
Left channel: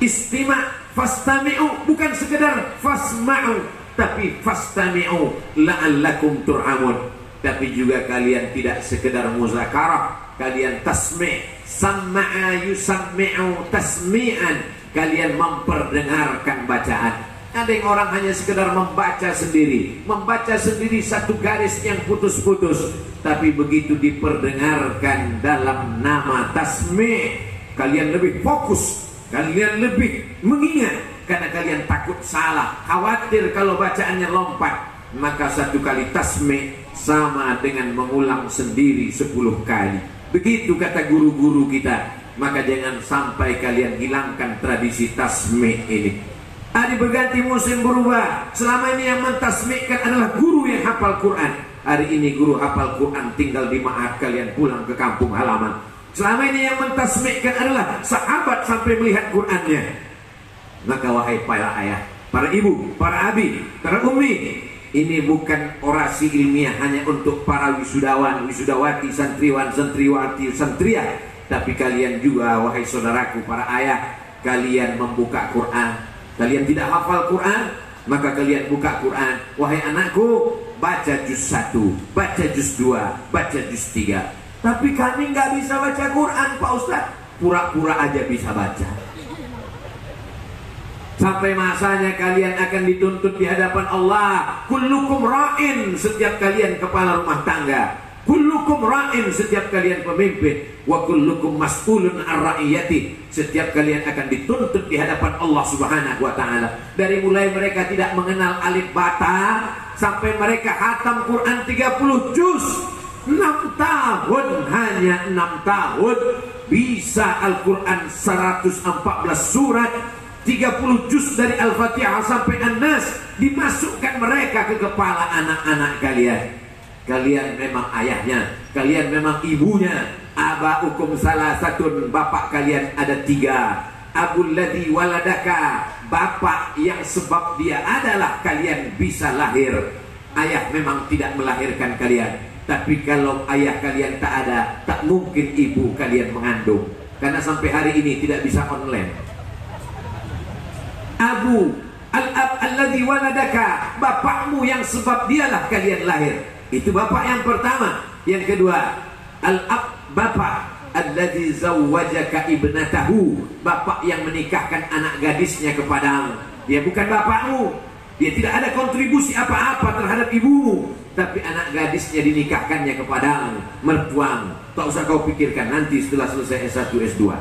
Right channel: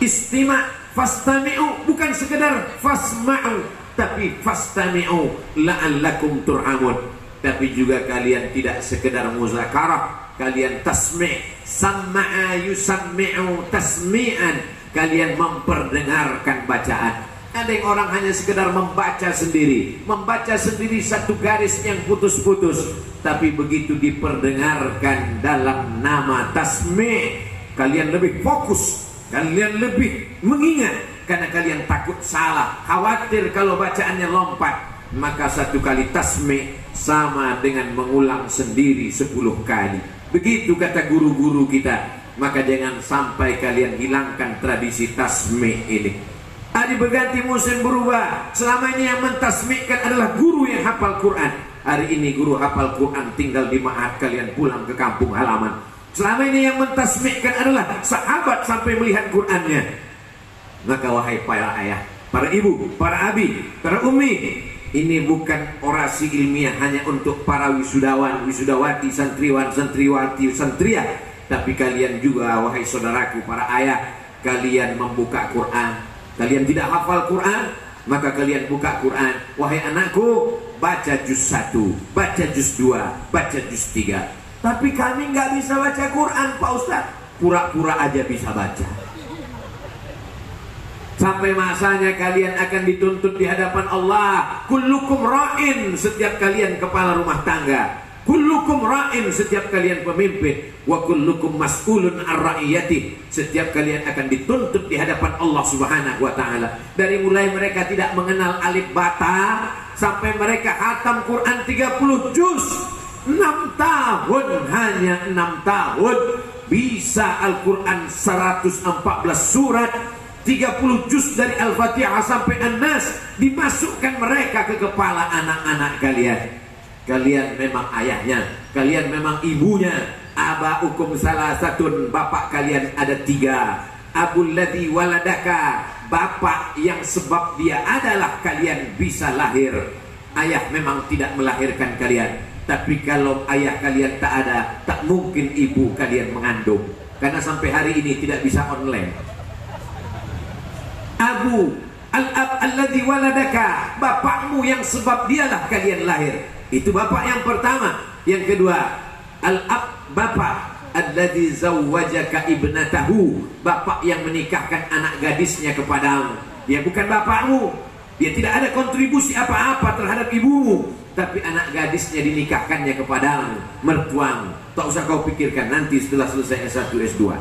istima', fastami'u, bukan sekedar fasma'u, tapi fastami'u la'allakum turhamun. Tapi juga kalian tidak sekedar muzakarah, kalian tasmi', samma'a yusammi'u tasmi'an, kalian memperdengarkan bacaan. Ada yang orang hanya sekedar membaca sendiri satu garis yang putus-putus. Tapi begitu diperdengarkan dalam nama tasmi', kalian lebih fokus, kalian lebih mengingat. Karena kalian takut salah, khawatir kalau bacaannya lompat. Maka satu kali tasmi' sama dengan mengulang sendiri 10 kali. Begitu kata guru-guru kita. Maka jangan sampai kalian hilangkan tradisi tasmi' ini. Tadi berganti musim berubah. Selama ini yang mentasmi'kan adalah guru yang hafal hafal Quran. Hari ini guru hafal Quran tinggal di ma'had, kalian pulang ke kampung halaman. Selama ini yang mentasbihkan adalah sahabat sampai melihat Qurannya. Maka wahai para ayah, para ibu, para abi, para ummi, ini bukan orasi ilmiah hanya untuk para wisudawan, wisudawati, santriwan, santriwati, santria. Tapi kalian juga wahai saudaraku para ayah, kalian membuka Quran. Kalian tidak hafal Quran, maka kalian buka Quran. Wahai anakku, baca juz 1, baca juz 2, baca juz 3. Tapi kami nggak bisa baca Quran, Pak Ustaz. Pura-pura aja bisa baca. Sampai masanya kalian akan dituntut di hadapan Allah. Kullukum ra'in, setiap kalian kepala rumah tangga. Kullukum ra'in, setiap kalian pemimpin. Wa kullukum mas'ulun an ra'iyati, setiap kalian akan dituntut di hadapan Allah Subhanahu wa taala. Dari mulai mereka tidak mengenal alif bata sampai mereka hatam Quran 30 juz. 6 tahun, hanya 6 tahun bisa Al-Quran 114 surat, 30 juz dari Al-Fatihah sampai An-Nas, dimasukkan mereka ke kepala anak-anak kalian. Kalian memang ayahnya, kalian memang ibunya. Abaukum salasatun, bapak kalian ada 3. Abul ladzi waladaka, bapak yang sebab dia adalah kalian bisa lahir. Ayah memang tidak melahirkan kalian, tapi kalau ayah kalian tak ada, tak mungkin ibu kalian mengandung. Karena sampai hari ini tidak bisa online. Abu al-ab alladzi waladaka, bapakmu yang sebab dialah kalian lahir. Itu bapak yang pertama. Yang kedua, al-ab, bapak alladzi zawwajaka ibnatahu, bapak yang menikahkan anak gadisnya kepadamu. Dia bukan bapakmu. Dia tidak ada kontribusi apa-apa terhadap ibumu, tapi anak gadisnya dinikahkannya kepadamu, mertuamu. Tak usah kau pikirkan nanti setelah selesai S1, S2.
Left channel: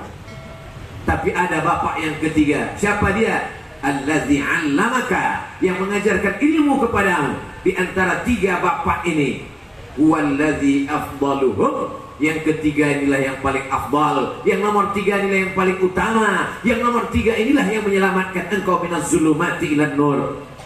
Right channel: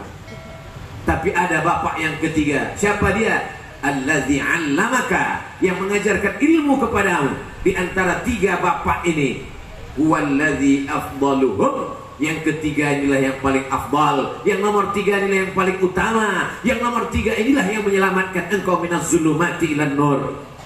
Tapi ada bapak yang ketiga. Siapa dia? Allazi 'allamaka, yang mengajarkan ilmu kepadamu. Di antara 3 bapak ini, huwallazi afdaluhum, yang ketiga inilah yang paling afdal, yang nomor 3 inilah yang paling utama, yang nomor 3 inilah yang menyelamatkan engkau minaz zulumati ilan nur.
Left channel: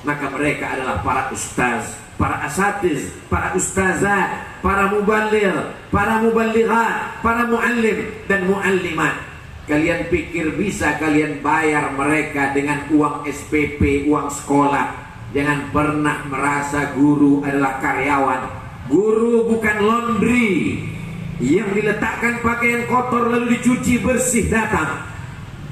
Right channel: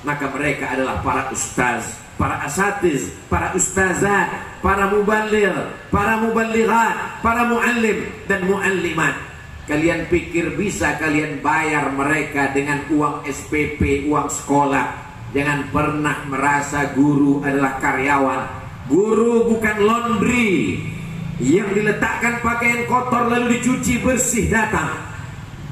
Maka mereka adalah para ustaz, para asatiz, para ustazah, para muballigh, para muballighat, para muallim dan muallimat. Kalian pikir bisa kalian bayar mereka dengan uang SPP, uang sekolah? Jangan pernah merasa guru adalah karyawan. Guru bukan laundry yang diletakkan pakaian kotor lalu dicuci bersih datang.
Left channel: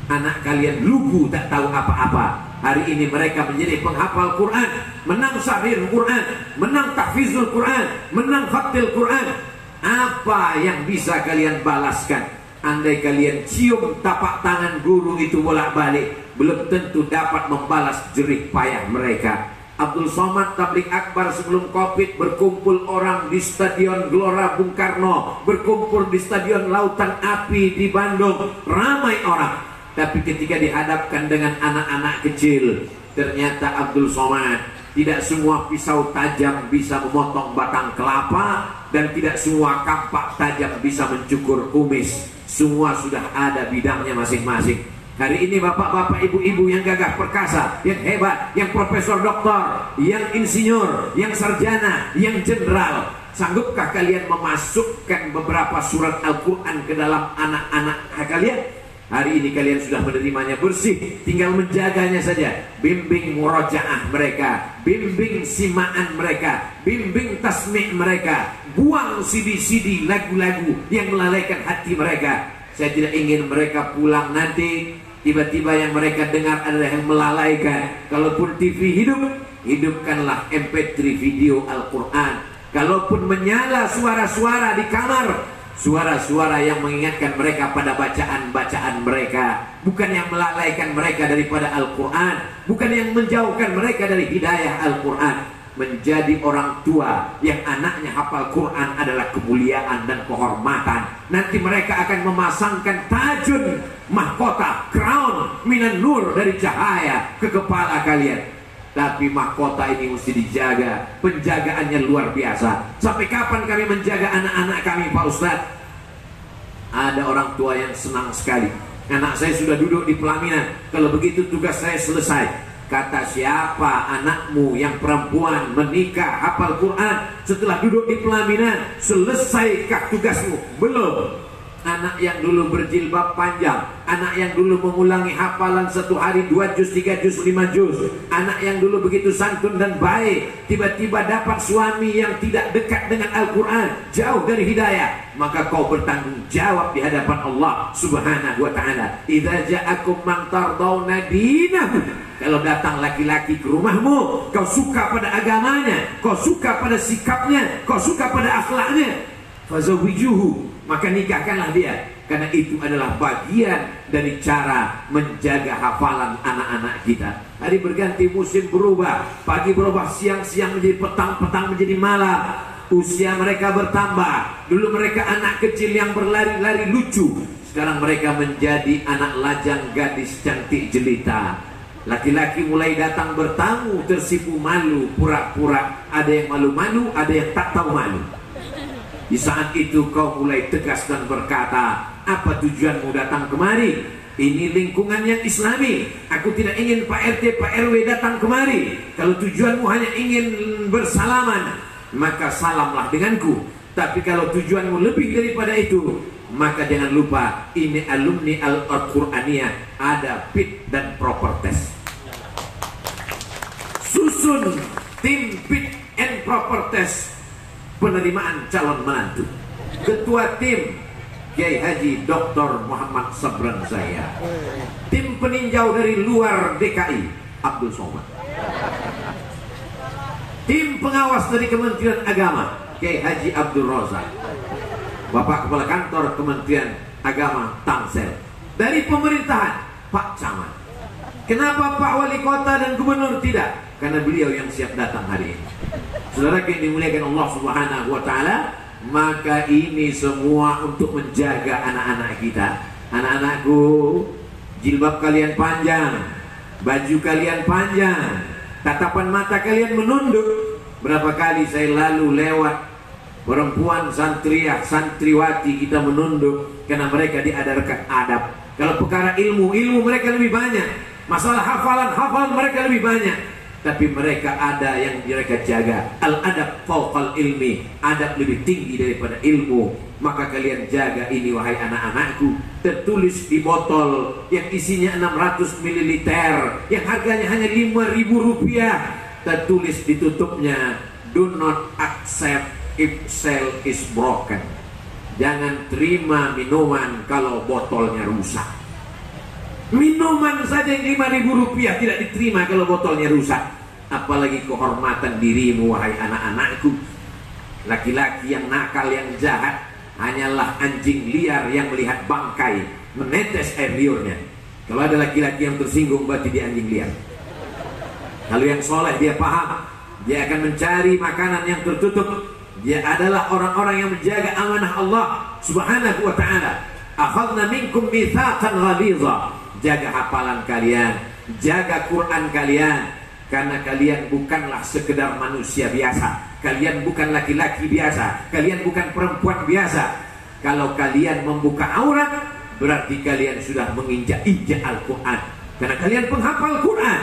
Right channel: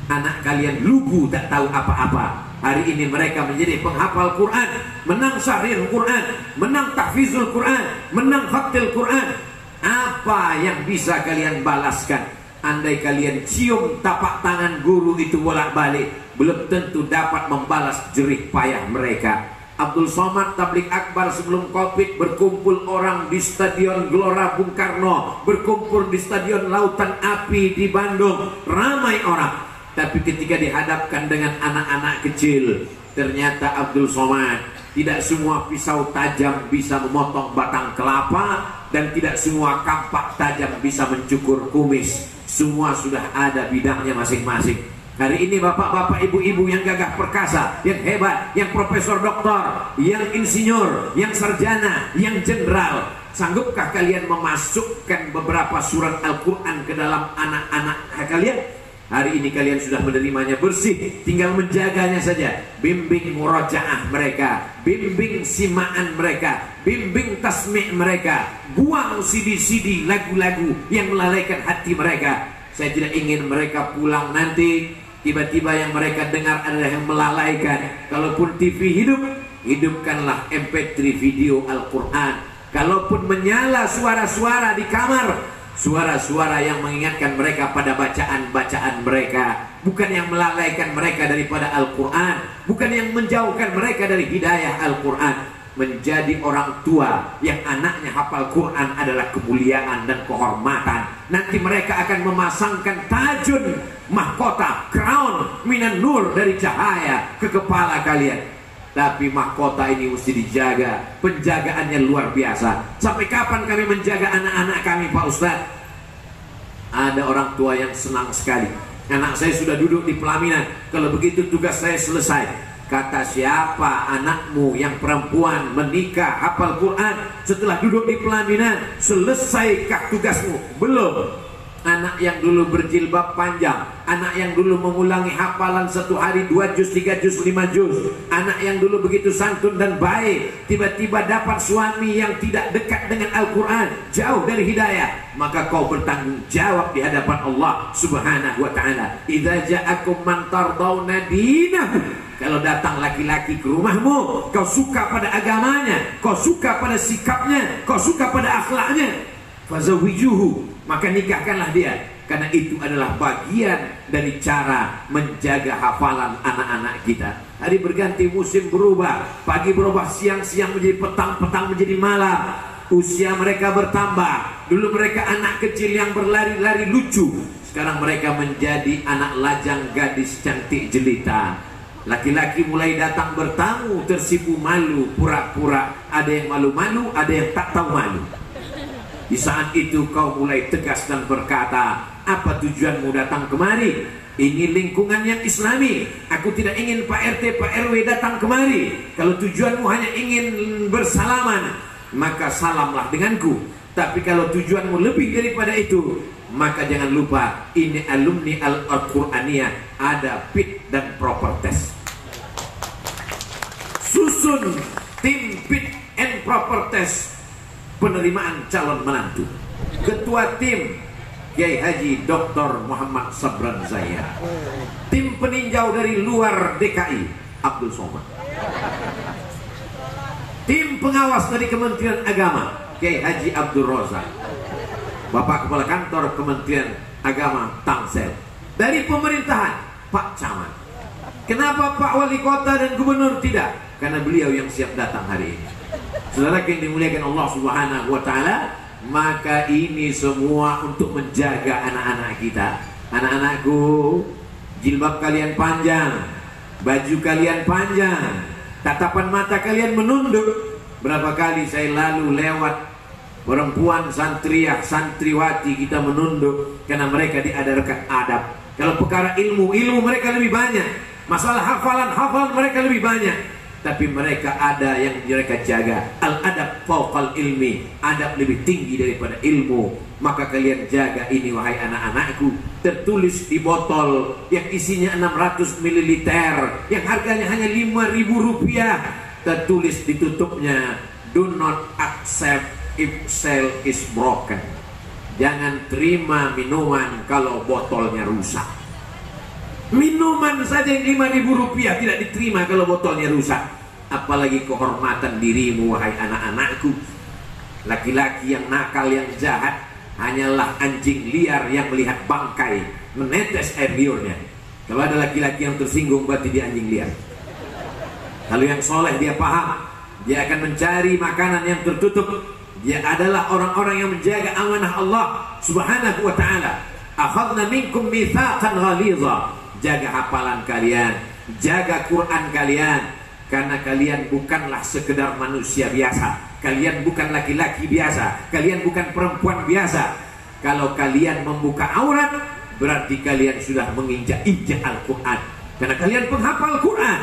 Anak kalian lugu tak tahu apa-apa. Hari ini mereka menjadi penghafal Quran, menang sahir Quran, menang tahfizul Quran, menang khatil Quran. Apa yang bisa kalian balaskan? Andai kalian cium tapak tangan guru itu bolak-balik, belum tentu dapat membalas jerih payah mereka. Abdul Somad tabligh akbar sebelum Covid, berkumpul orang di Stadion Gelora Bung Karno, berkumpul di Stadion Lautan Api di Bandung, ramai orang. Tapi ketika dihadapkan dengan anak-anak kecil, ternyata Abdul Somad, tidak semua pisau tajam bisa memotong batang kelapa, dan tidak semua kampak tajam bisa mencukur kumis. Semua sudah ada bidangnya masing-masing. Hari ini bapak-bapak, ibu-ibu yang gagah perkasa, yang hebat, yang profesor doktor, yang insinyur, yang sarjana, yang jenderal, sanggupkah kalian memasukkan beberapa surat Al-Quran ke dalam anak-anak kalian? Hari ini kalian sudah menerimanya bersih, tinggal menjaganya saja. Bimbing murojaah mereka, bimbing simaan mereka, bimbing tasmi' mereka. Buang CD-CD lagu-lagu yang melalaikan hati mereka. Saya tidak ingin mereka pulang nanti tiba-tiba yang mereka dengar adalah yang melalaikan. Kalaupun TV hidup, hidupkanlah MP3 video Al-Quran. Kalaupun menyala suara-suara di kamar, suara-suara yang mengingatkan mereka pada bacaan-bacaan mereka, bukan yang melalaikan mereka daripada Al-Quran, bukan yang menjauhkan mereka dari hidayah Al-Quran. Menjadi orang tua yang anaknya hafal Quran adalah kemuliaan dan kehormatan. Nanti mereka akan memasangkan tajun, mahkota, crown minan nur dari cahaya ke kepala kalian. Tapi mahkota ini mesti dijaga, penjagaannya luar biasa. Sampai kapan kami menjaga anak-anak kami, Pak Ustadz? Ada orang tua yang senang sekali. Anak saya sudah duduk di pelaminan. Kalau begitu tugas saya selesai. Kata siapa anakmu yang perempuan menikah hafal Quran setelah duduk di pelaminan, selesaikah tugasmu? Belum. Anak yang dulu berjilbab panjang, anak yang dulu mengulangi hafalan satu hari 2 juz, 3 juz, 5 juz, anak yang dulu begitu santun dan baik, tiba-tiba dapat suami yang tidak dekat dengan Al-Quran, jauh dari hidayah, maka kau bertanggung jawab di hadapan Allah Subhanahu wa ta'ala. Idza ja'akum man tardawna dinahu, kalau datang laki-laki ke rumahmu, kau suka pada agamanya, kau suka pada sikapnya, kau suka pada akhlaknya, fazawijuhu, maka nikahkanlah dia. Karena itu adalah bagian dari cara menjaga hafalan anak-anak kita. Hari berganti, musim berubah, pagi berubah, siang menjadi petang, petang menjadi malam. Usia mereka bertambah. Dulu mereka anak kecil yang berlari-lari lucu, sekarang mereka menjadi anak lajang, gadis cantik jelita. Laki-laki mulai datang bertamu, tersipu malu, pura-pura. Ada yang malu-malu, ada yang tak tahu malu. Di saat itu kau mulai tegas dan berkata, apa tujuanmu datang kemari? Ini lingkungan yang islami. Aku tidak ingin Pak RT, Pak RW datang kemari. Kalau tujuanmu hanya ingin bersalaman, maka salamlah denganku. Tapi kalau tujuanmu lebih daripada itu, maka jangan lupa, ini alumni Al-Quraniyah, ada fit dan proper test. Susun tim fit and proper test penerimaan calon menantu. Ketua tim Kiai Haji Dr. Muhammad Sabran Zaya. Tim peninjau dari luar DKI Abdul Somad. Tim pengawas dari Kementerian Agama Kiai Haji Abdul Rozak. Bapak Kepala Kantor Kementerian Agama Tangsel. Dari pemerintahan Pak Camat. Kenapa Pak Wali Kota dan Gubernur tidak? Karena beliau yang siap datang hari ini. Saudara yang dimuliakan Allah Subhanahu wa ta'ala, maka ini semua untuk menjaga anak-anak kita. Anak-anakku, jilbab kalian panjang, baju kalian panjang, tatapan mata kalian menunduk. Berapa kali saya lalu lewat perempuan santriah, santriwati, kita menunduk karena mereka diajarkan adab. Kalau perkara ilmu mereka lebih banyak. Masalah hafalan mereka lebih banyak. Tapi mereka ada yang mereka jaga. Al-adab fauqal ilmi, adab lebih tinggi daripada ilmu. Maka kalian jaga ini wahai anak-anakku. Tertulis di botol yang isinya 600 ml, yang harganya hanya 5.000 rupiah. Tertulis di tutupnya, do not accept if seal is broken. Jangan terima minuman kalau botolnya rusak. Minuman saja 5.000 rupiah tidak diterima kalau botolnya rusak. Apalagi kehormatan dirimu wahai anak-anakku. Laki-laki yang nakal, yang jahat, hanyalah anjing liar yang melihat bangkai menetes air liurnya. Kalau ada laki-laki yang tersinggung, berarti dia anjing liar. Kalau yang soleh, dia paham, dia akan mencari makanan yang tertutup. Dia adalah orang-orang yang menjaga amanah Allah Subhanahu wa ta'ala. Akhadna minkum mitsaqan ghalidha. Jaga hafalan kalian, jaga Quran kalian, karena kalian bukanlah sekedar manusia biasa. Kalian bukan laki-laki biasa, kalian bukan perempuan biasa. Kalau kalian membuka aurat, berarti kalian sudah menginjak-injak Al-Quran, karena kalian penghafal Quran.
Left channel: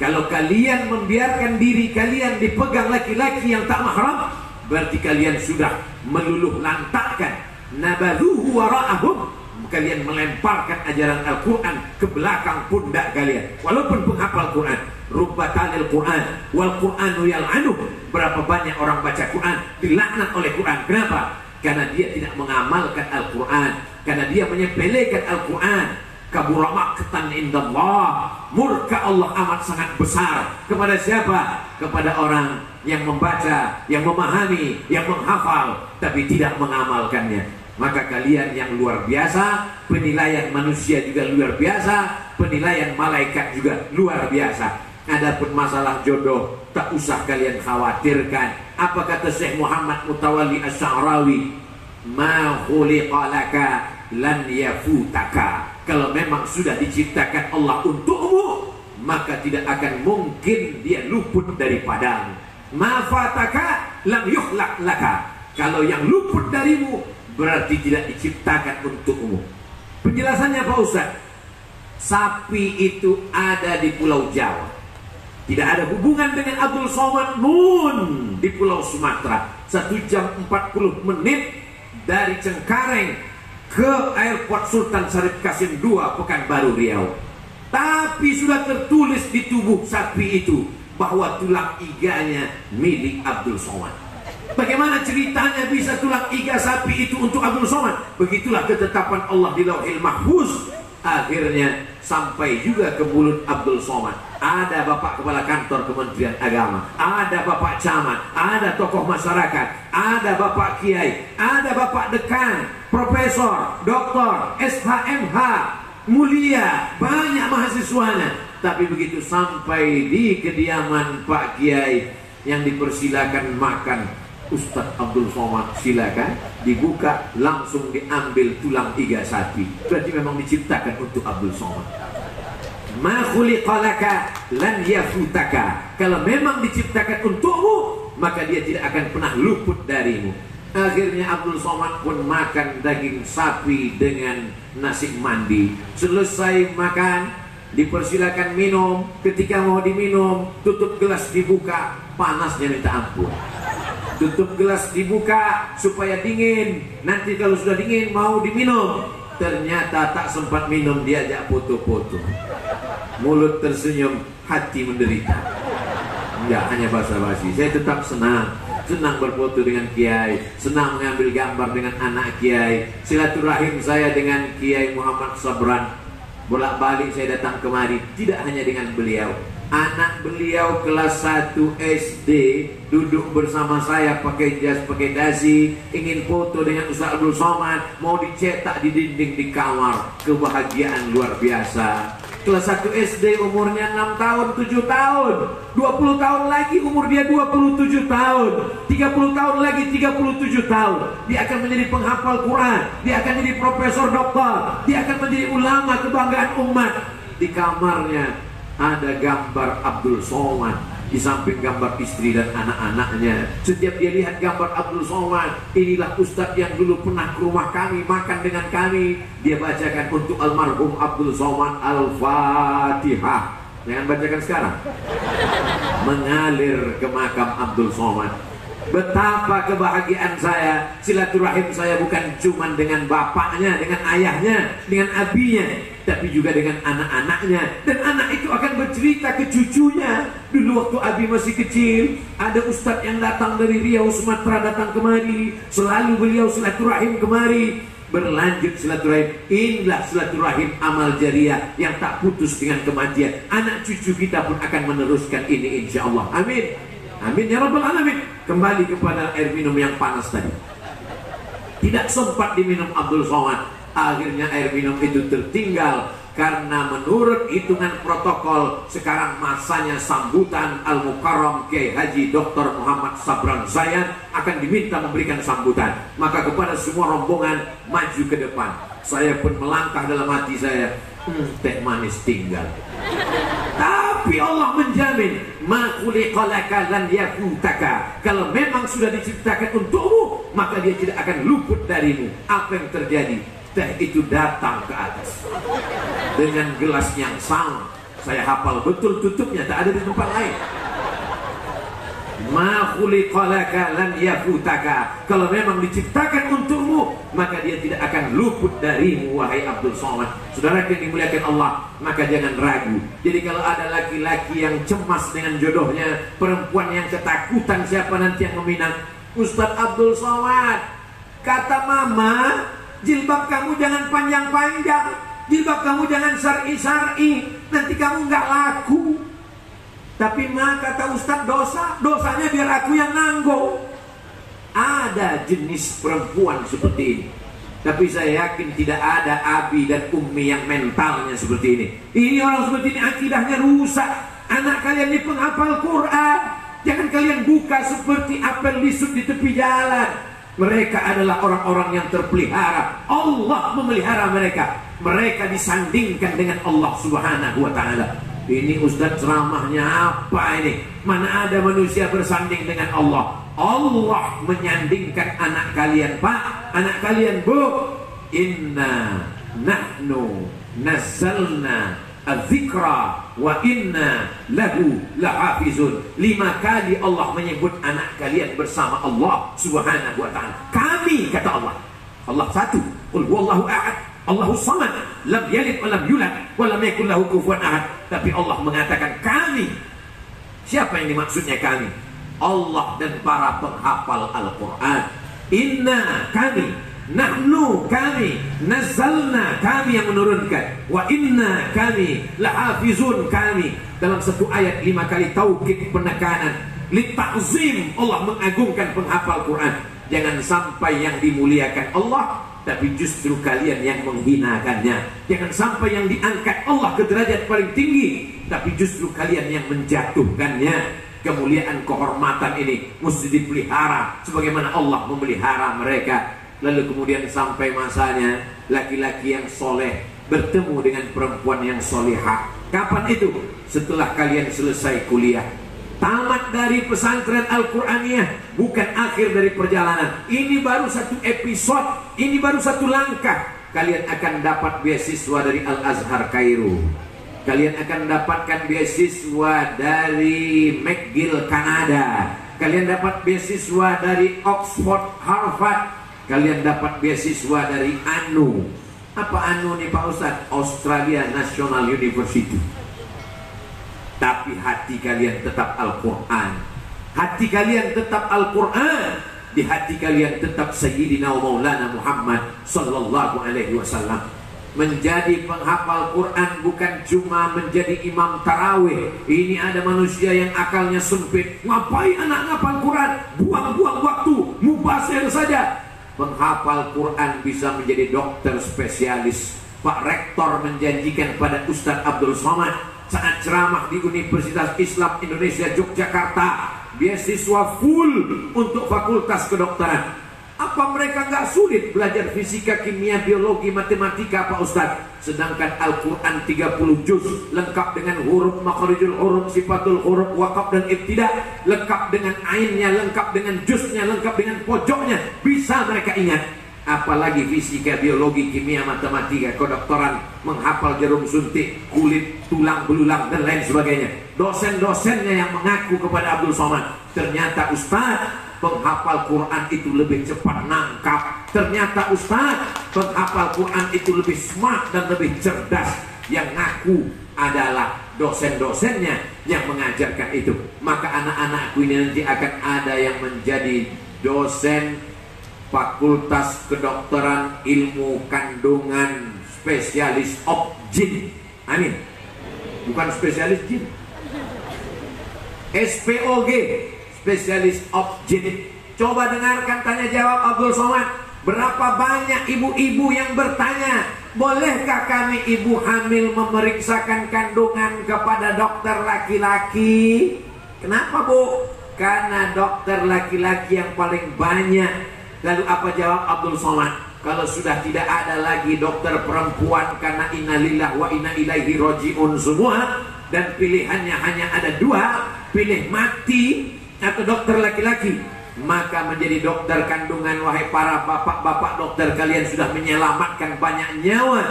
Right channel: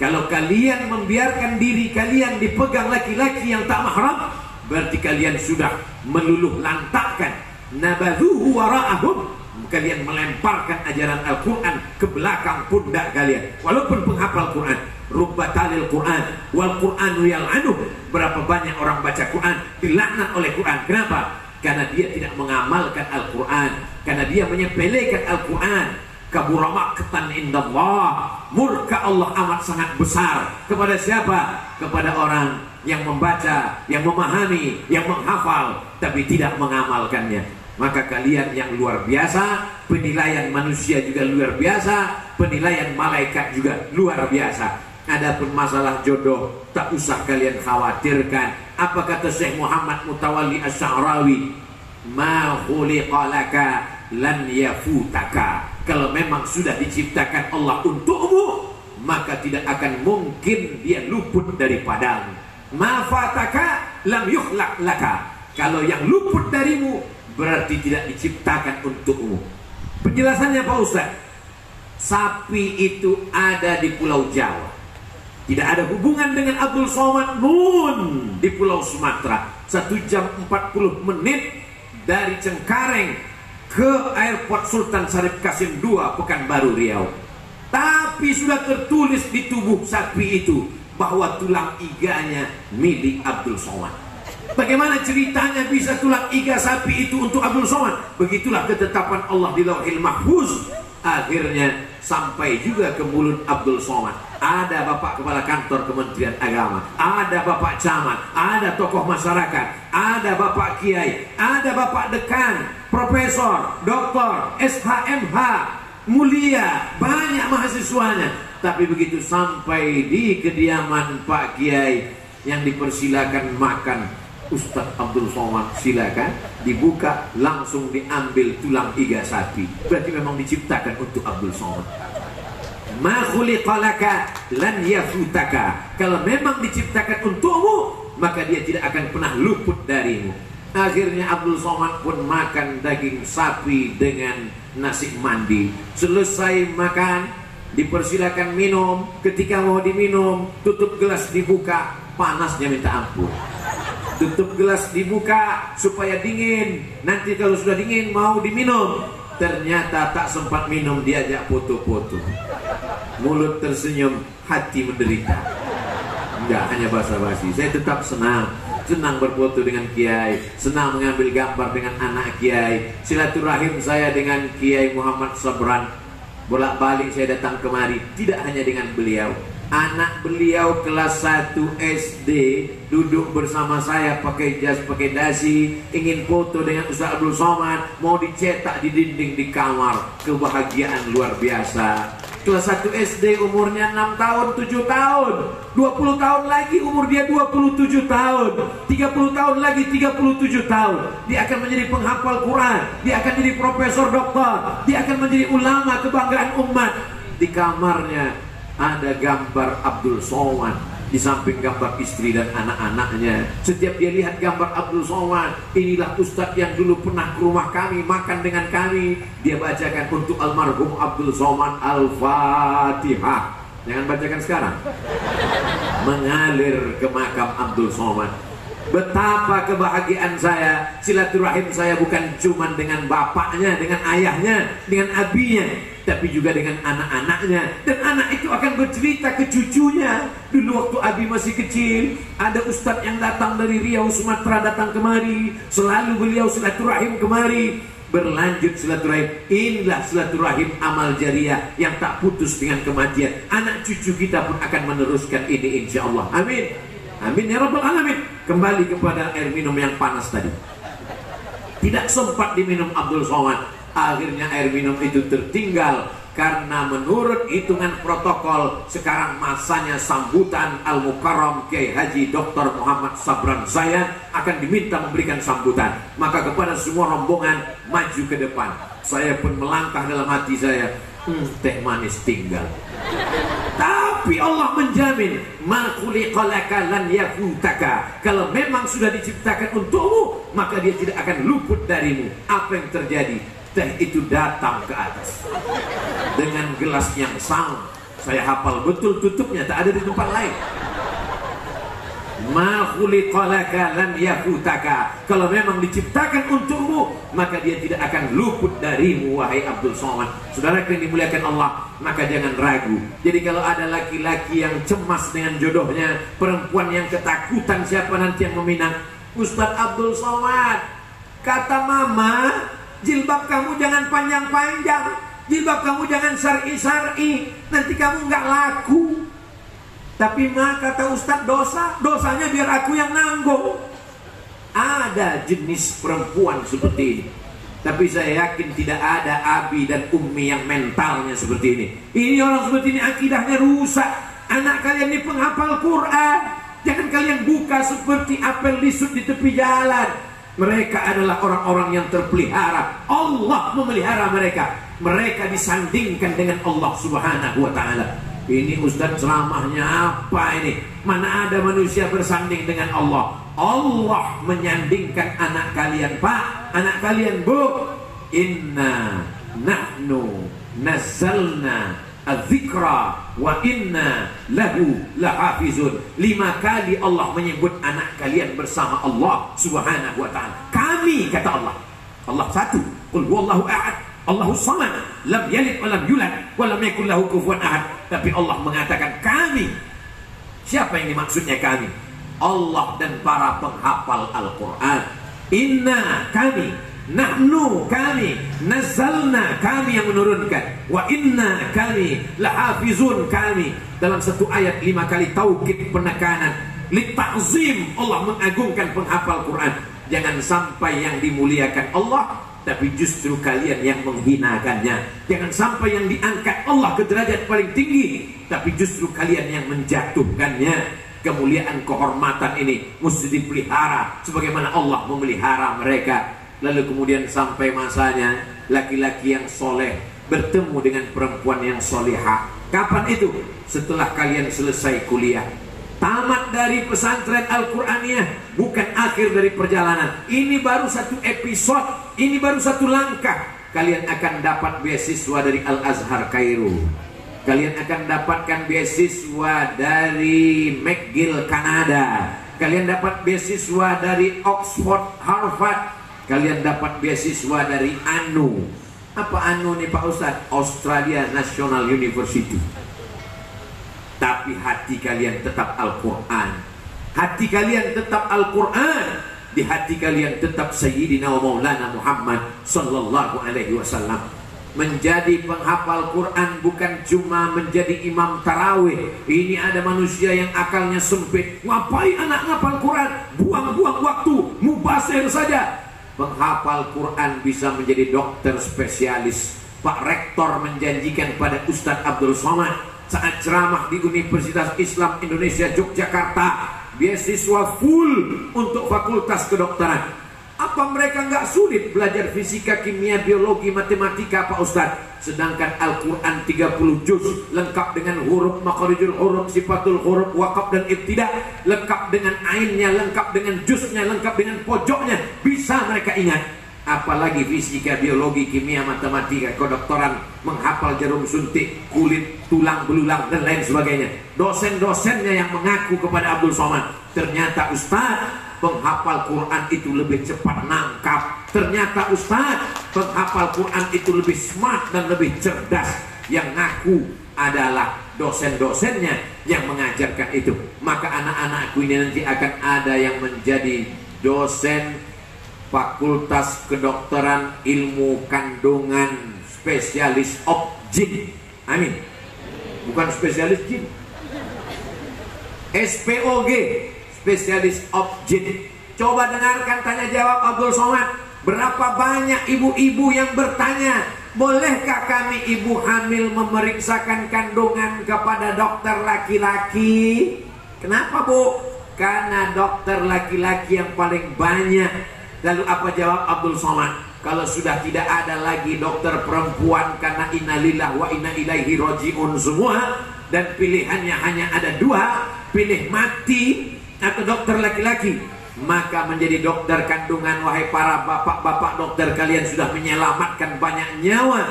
Kalau kalian membiarkan diri kalian dipegang laki-laki yang tak mahram, berarti kalian sudah meluluh lantakkan nabadhuhu wara'ahum. Kalian melemparkan ajaran Al-Quran ke belakang pundak kalian. Walaupun penghafal Quran, rubba talil Quran wal Quranu yal'anuh. Berapa banyak orang baca Quran dilaknat oleh Quran. Kenapa? Karena dia tidak mengamalkan Al-Quran, karena dia menyepelekan Al-Quran. Kabura maqtan indallah, murka Allah amat sangat besar. Kepada siapa? Kepada orang yang membaca, yang memahami, yang menghafal, tapi tidak mengamalkannya. Maka kalian yang luar biasa, penilaian manusia juga luar biasa, penilaian malaikat juga luar biasa. Adapun masalah jodoh, tak usah kalian khawatirkan. Apa kata Syekh Muhammad Mutawalli Asy'arawi? Ma khuliqa laka lan yafutaka. Kalau memang sudah diciptakan Allah untukmu, maka tidak akan mungkin dia luput daripadamu. Ma fataka lam yukhlaq laka. Kalau yang luput darimu, berarti tidak diciptakan untukmu. Penjelasannya Pak Ustaz, sapi itu ada di Pulau Jawa. Tidak ada hubungan dengan Abdul Somad Nun di Pulau Sumatera. 1 jam 40 menit dari Cengkareng ke Airport Sultan Syarif Qasim II, Pekanbaru Riau. Tapi sudah tertulis di tubuh sapi itu bahwa tulang iganya milik Abdul Somad. Bagaimana ceritanya bisa tulang iga sapi itu untuk Abdul Somad? Begitulah ketetapan Allah di Lauhil Mahfuz. Akhirnya sampai juga ke mulut Abdul Somad. Ada Bapak Kepala Kantor Kementerian Agama, ada Bapak Camat, ada tokoh masyarakat, ada Bapak Kiai, ada Bapak Dekan, Profesor, Doktor, SHMH, mulia, banyak mahasiswanya. Tapi begitu sampai di kediaman Pak Kiai yang dipersilakan makan, Ustadz Abdul Somad silakan, dibuka, langsung diambil tulang iga sapi. Berarti memang diciptakan untuk Abdul Somad. Ma khuliqalaka lan yafutaka. Kalau memang diciptakan untukmu, maka dia tidak akan pernah luput darimu. Akhirnya Abdul Somad pun makan daging sapi dengan nasi mandi. Selesai makan, dipersilakan minum. Ketika mau diminum, tutup gelas dibuka, panasnya minta ampun. Tutup gelas dibuka supaya dingin. Nanti kalau sudah dingin mau diminum, ternyata tak sempat minum, diajak foto-foto. Mulut tersenyum, hati menderita. Enggak, hanya basa-basi. Saya tetap senang berfoto dengan Kiai, senang mengambil gambar dengan anak Kiai. Silaturahim saya dengan Kiai Muhammad Sabran, bolak-balik saya datang kemari, tidak hanya dengan beliau. Anak beliau kelas 1 SD duduk bersama saya pakai jas, pakai dasi, ingin foto dengan Ustaz Abdul Somad, mau dicetak di dinding di kamar. Kebahagiaan luar biasa. Kelas 1 SD umurnya 6 tahun, 7 tahun, 20 tahun lagi umur dia 27 tahun, 30 tahun lagi 37 tahun. Dia akan menjadi penghafal Quran, dia akan jadi profesor doktor, dia akan menjadi ulama kebanggaan umat. Di kamarnya ada gambar Abdul Somad, di samping gambar istri dan anak-anaknya. Setiap dia lihat gambar Abdul Somad, inilah Ustadz yang dulu pernah ke rumah kami, makan dengan kami. Dia bacakan untuk almarhum Abdul Somad Al-Fatihah. Jangan bacakan sekarang. Mengalir ke makam Abdul Somad. Betapa kebahagiaan saya. Silaturahim saya bukan cuma dengan bapaknya, dengan ayahnya, dengan abinya, tapi juga dengan anak-anaknya. Dan anak itu akan bercerita ke cucunya. Dulu waktu abi masih kecil, ada ustadz yang datang dari Riau, Sumatera, datang kemari. Selalu beliau silaturahim kemari. Berlanjut silaturahim. Inilah silaturahim amal jariah yang tak putus dengan kematian. Anak cucu kita pun akan meneruskan ini, insya Allah. Amin. Amin ya Rabbal Alamin. Kembali kepada air minum yang panas tadi. Tidak sempat diminum Abdul Somad. Akhirnya air minum itu tertinggal. Karena menurut hitungan protokol, sekarang masanya sambutan Al-Mukarram Kiai Haji Dr. Muhammad Sabran saya akan diminta memberikan sambutan. Maka kepada semua rombongan, maju ke depan. Saya pun melangkah dalam hati saya, teh manis tinggal. Tapi Allah menjamin, ma khuliqalaka lan yafutaka. Kalau memang sudah diciptakan untukmu, maka dia tidak akan luput darimu. Apa yang terjadi? Teh itu datang ke atas dengan gelas yang sama. Saya hafal betul tutupnya, tak ada di tempat lain. Ma khuliqalaka lan yafutaka. Kalau memang diciptakan untukmu, maka dia tidak akan luput darimu, wahai Abdul Somad. Saudara yang dimuliakan Allah, maka jangan ragu. Jadi kalau ada laki-laki yang cemas dengan jodohnya, perempuan yang ketakutan siapa nanti yang meminang, Ustadz Abdul Somad, kata mama, jilbab kamu jangan panjang-panjang, jilbab kamu jangan syar'i-syar'i, nanti kamu nggak laku. Tapi kata Ustadz, dosanya biar aku yang nanggung. Ada jenis perempuan seperti ini. Tapi saya yakin tidak ada abi dan ummi yang mentalnya seperti ini. Ini orang seperti ini akidahnya rusak. Anak kalian ini penghafal Quran. Jangan kalian buka seperti apel lisut di tepi jalan. Mereka adalah orang-orang yang terpelihara. Allah memelihara mereka. Mereka disandingkan dengan Allah Subhanahu wa ta'ala. Ini Ustadz ceramahnya apa ini? Mana ada manusia bersanding dengan Allah? Allah menyandingkan anak kalian, Pak, anak kalian, Bu. Inna nahnu nazzalna adzikra wa inna lahu lahafizun. 5 kali Allah menyebut anak kalian bersama Allah Subhanahu wa ta'ala. Kami, kata Allah. Allah satu. Qul huwallahu ahad, Allahus samad, lam yalid wa lam yulad wa lam yakul lahu kufuwan ahad. Tapi Allah mengatakan kami. Siapa yang dimaksudnya kami? Allah dan para penghafal Al-Quran. Inna, kami, nahnu, kami, nazzalna, kami yang menurunkan, wa inna, kami, lahafizun, kami. Dalam satu ayat 5 kali taukid penekanan, litakzim, Allah mengagungkan penghafal Quran. Jangan sampai yang dimuliakan Allah tapi justru kalian yang menghinakannya. Jangan sampai yang diangkat Allah ke derajat paling tinggi tapi justru kalian yang menjatuhkannya. Kemuliaan kehormatan ini mesti dipelihara sebagaimana Allah memelihara mereka. Lalu kemudian sampai masanya laki-laki yang soleh bertemu dengan perempuan yang solehah. Kapan itu? Setelah kalian selesai kuliah, tamat dari pesantren Al-Quraniyah, bukan akhir dari perjalanan. Ini baru satu episode, ini baru satu langkah. Kalian akan dapat beasiswa dari Al-Azhar Kairo. Kalian akan dapatkan beasiswa dari McGill Kanada. Kalian dapat beasiswa dari Oxford, Harvard. Kalian dapat beasiswa dari ANU. Apa ANU nih Pak Ustadz? Australia National University. Tapi hati kalian tetap Al-Quran. Hati kalian tetap Al-Quran. Di hati kalian tetap Sayyidina wa Maulana Muhammad Sallallahu Alaihi Wasallam. Menjadi penghafal Quran bukan cuma menjadi imam tarawih. Ini ada manusia yang akalnya sempit. Ngapain anak ngapal Quran? Buang-buang waktu, mubazir saja. Penghafal Quran bisa menjadi dokter spesialis. Pak Rektor menjanjikan pada Ustadz Abdul Somad saat ceramah di Universitas Islam Indonesia Yogyakarta, beasiswa full untuk fakultas kedokteran. Apa mereka nggak sulit belajar fisika, kimia, biologi, matematika Pak Ustadz? Sedangkan Al-Quran 30 juz lengkap dengan huruf, makharijul huruf, sifatul huruf, waqaf dan ibtida, lengkap dengan ainnya, lengkap dengan juznya, lengkap dengan pojoknya. Bisa mereka ingat. Apalagi fisika, biologi, kimia, matematika, kedokteran, menghafal jarum suntik, kulit, tulang belulang dan lain sebagainya. Dosen-dosennya yang mengaku kepada Abdul Somad, ternyata Ustadz, penghafal Quran itu lebih cepat nangkap. Ternyata Ustaz, penghafal Quran itu lebih smart dan lebih cerdas. Yang ngaku adalah dosen-dosennya yang mengajarkan itu. Maka anak-anakku ini nanti akan ada yang menjadi dosen Fakultas Kedokteran Ilmu Kandungan, spesialis jin. Amin. Bukan spesialis jin. SPOG, spesialis jin. Coba dengarkan tanya jawab Abdul Somad. Berapa banyak ibu-ibu yang bertanya, bolehkah kami ibu hamil memeriksakan kandungan kepada dokter laki-laki? Kenapa Bu? Karena dokter laki-laki yang paling banyak. Lalu apa jawab Abdul Somad? Kalau sudah tidak ada lagi dokter perempuan karena innalillah wa inna ilaihi rajiun semua, dan pilihannya hanya ada dua, pilih mati atau dokter laki-laki, maka menjadi dokter kandungan. Wahai para bapak-bapak dokter, kalian sudah menyelamatkan banyak nyawa.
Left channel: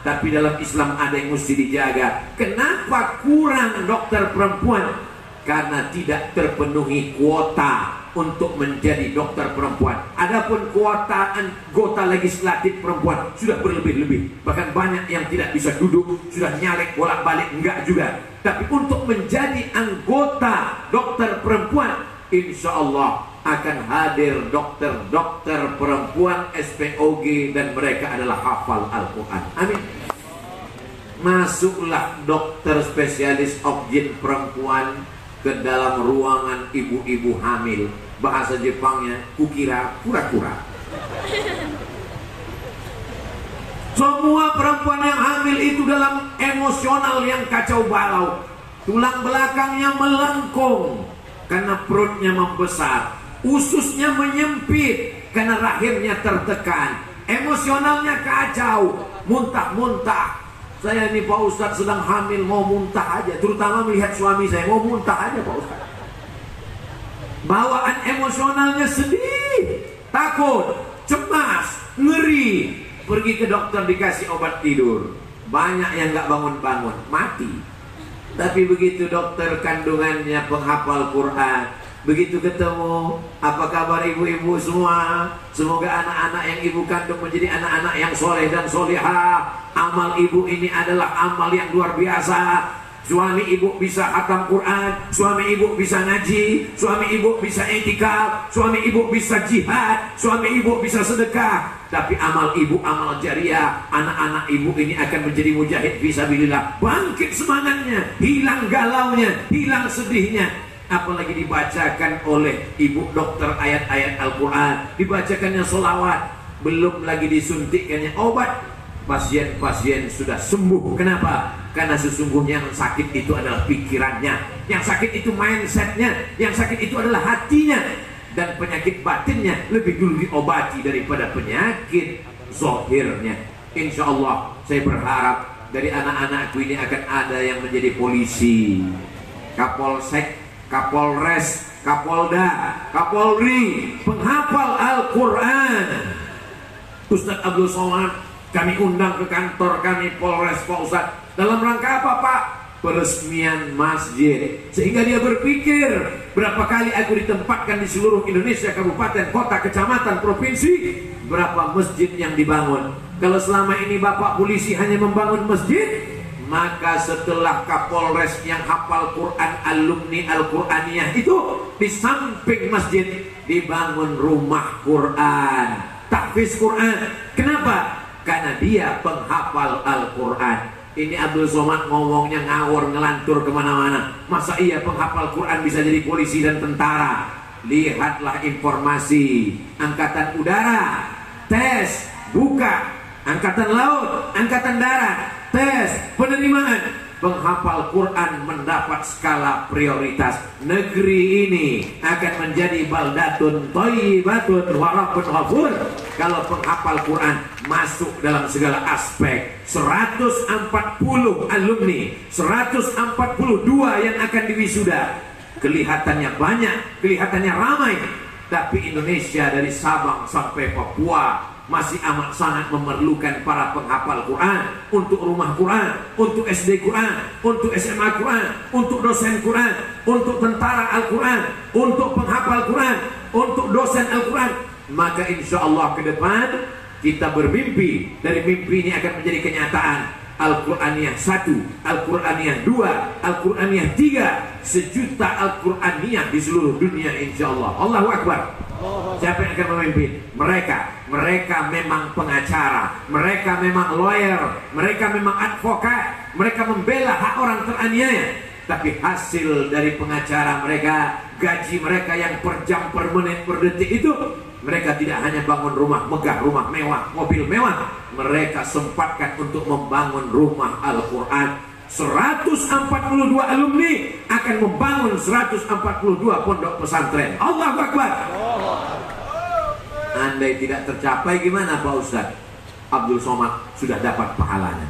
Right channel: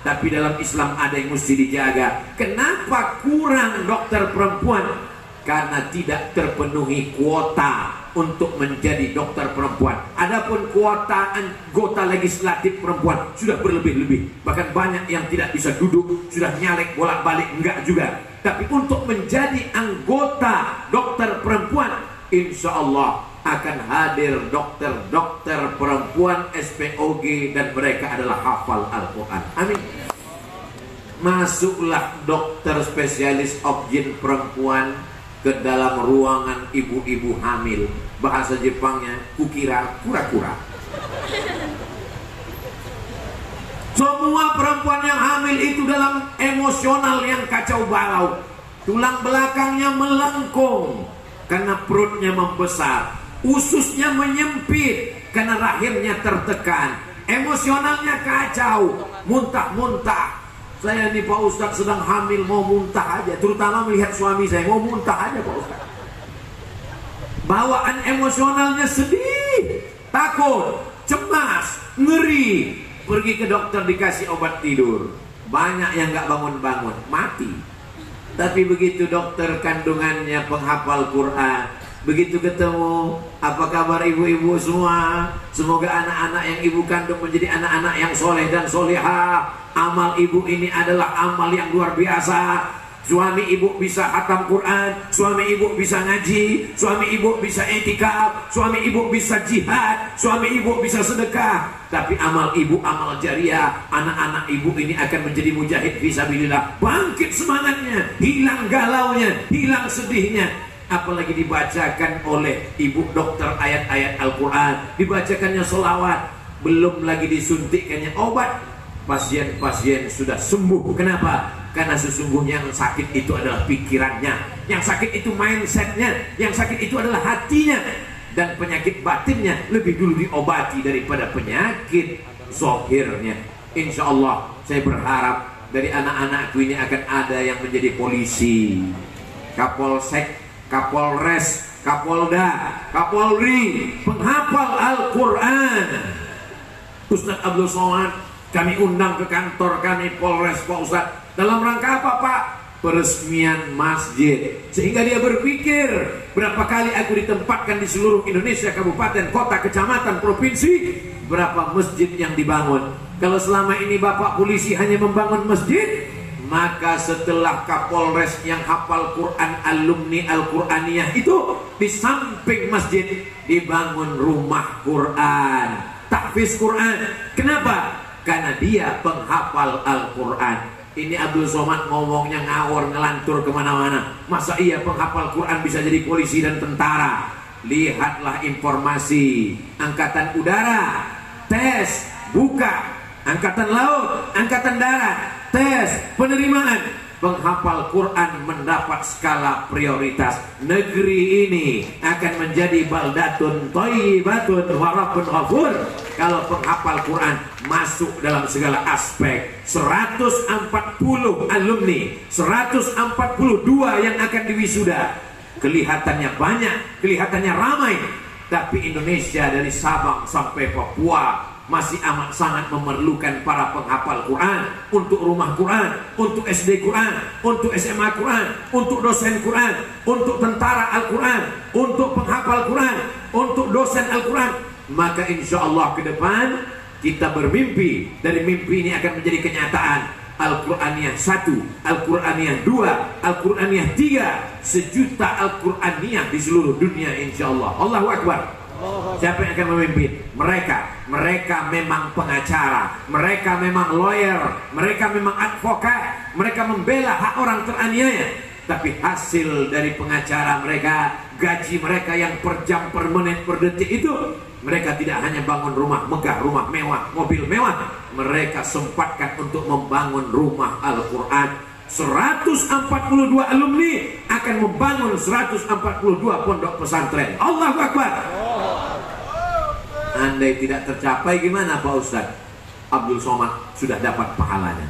Tapi dalam Islam ada yang mesti dijaga. Kenapa kurang dokter perempuan? Karena tidak terpenuhi kuota untuk menjadi dokter perempuan. Adapun kuota anggota legislatif perempuan sudah berlebih-lebih. Bahkan banyak yang tidak bisa duduk, sudah nyalek bolak-balik, enggak juga. Tapi untuk menjadi anggota dokter perempuan, insya Allah akan hadir dokter-dokter perempuan SPOG, dan mereka adalah hafal Al-Quran. Amin. Masuklah dokter spesialis objin perempuan ke dalam ruangan ibu-ibu hamil. Bahasa Jepangnya kukira kura-kura. Semua perempuan yang hamil itu dalam emosional yang kacau balau. Tulang belakangnya melengkung karena perutnya membesar, ususnya menyempit karena rahimnya tertekan, emosionalnya kacau, muntah-muntah. Saya ini Pak Ustadz sedang hamil, mau muntah aja. Terutama melihat suami saya, mau muntah aja Pak Ustadz. Bawaan emosionalnya sedih, takut, cemas, ngeri. Pergi ke dokter dikasih obat tidur. Banyak yang gak bangun-bangun, mati. Tapi begitu dokter kandungannya penghafal Quran, begitu ketemu, apa kabar ibu-ibu semua? Semoga anak-anak yang ibu kandung menjadi anak-anak yang soleh dan solehah. Amal ibu ini adalah amal yang luar biasa. Suami ibu bisa hatam Quran, suami ibu bisa ngaji, suami ibu bisa etikaf, suami ibu bisa jihad, suami ibu bisa sedekah. Tapi amal ibu, amal jariah, anak-anak ibu ini akan menjadi mujahid fisabilillah. Bangkit semangatnya, hilang galaunya, hilang sedihnya. Apalagi dibacakan oleh ibu dokter ayat-ayat Al-Quran, dibacakannya sholawat, belum lagi disuntikkannya obat. Pasien-pasien sudah sembuh. Kenapa? Karena sesungguhnya yang sakit itu adalah pikirannya, yang sakit itu mindsetnya, yang sakit itu adalah hatinya. Dan penyakit batinnya lebih dulu diobati daripada penyakit zahirnya. Insya Allah saya berharap dari anak-anakku ini akan ada yang menjadi polisi, kapolsek, kapolres, kapolda, kapolri, penghafal Al-Quran. Ustaz Abdul Somad kami undang ke kantor kami Polres, Pak Ustaz. Dalam rangka apa, Pak? Peresmian masjid. Sehingga dia berpikir, berapa kali aku ditempatkan di seluruh Indonesia, kabupaten, kota, kecamatan, provinsi, berapa masjid yang dibangun. Kalau selama ini Bapak polisi hanya membangun masjid, maka setelah Kapolres yang hafal Quran, alumni Al-Quraniyah itu, di samping masjid dibangun rumah Quran, tahfiz Quran. Kenapa? Karena dia penghafal Al-Quran. Ini Abdul Somad ngomongnya ngawur, ngelantur kemana-mana. Masa iya penghafal Quran bisa jadi polisi dan tentara? Lihatlah informasi. Angkatan udara, tes, buka. Angkatan laut, angkatan darat, tes, penerimaan. Penghafal Quran mendapat skala prioritas. Negeri ini akan menjadi baldatun thayyibatun wa rabbun ghafur kalau penghafal Quran masuk dalam segala aspek. 140 alumni, 142 yang akan diwisuda. Kelihatannya banyak, kelihatannya ramai, tapi Indonesia dari Sabang sampai Papua masih amat sangat memerlukan para penghafal Quran, untuk rumah Quran, untuk SD Quran, untuk SMA Quran, untuk dosen Quran, untuk tentara Al-Quran, untuk penghafal Quran, untuk dosen Al-Quran. Maka insya Allah ke depan kita bermimpi, dari mimpi ini akan menjadi kenyataan. Al-Quraniyah 1, Al-Quraniyah 2, Al-Quraniyah 3, 1 juta Al-Quraniyah di seluruh dunia insya Allah. Allahu Akbar. Siapa yang akan memimpin? Mereka memang pengacara, mereka memang lawyer, mereka memang advokat, mereka membela hak orang teraniaya. Tapi hasil dari pengacara mereka, gaji mereka yang per jam, per menit, per detik itu, mereka tidak hanya bangun rumah megah, rumah mewah, mobil mewah, mereka sempatkan untuk membangun rumah Al-Quran. 142 alumni akan membangun 142 pondok pesantren. Allahu Akbar. Andai tidak tercapai gimana Pak Ustaz? Abdul Somad sudah dapat pahalanya.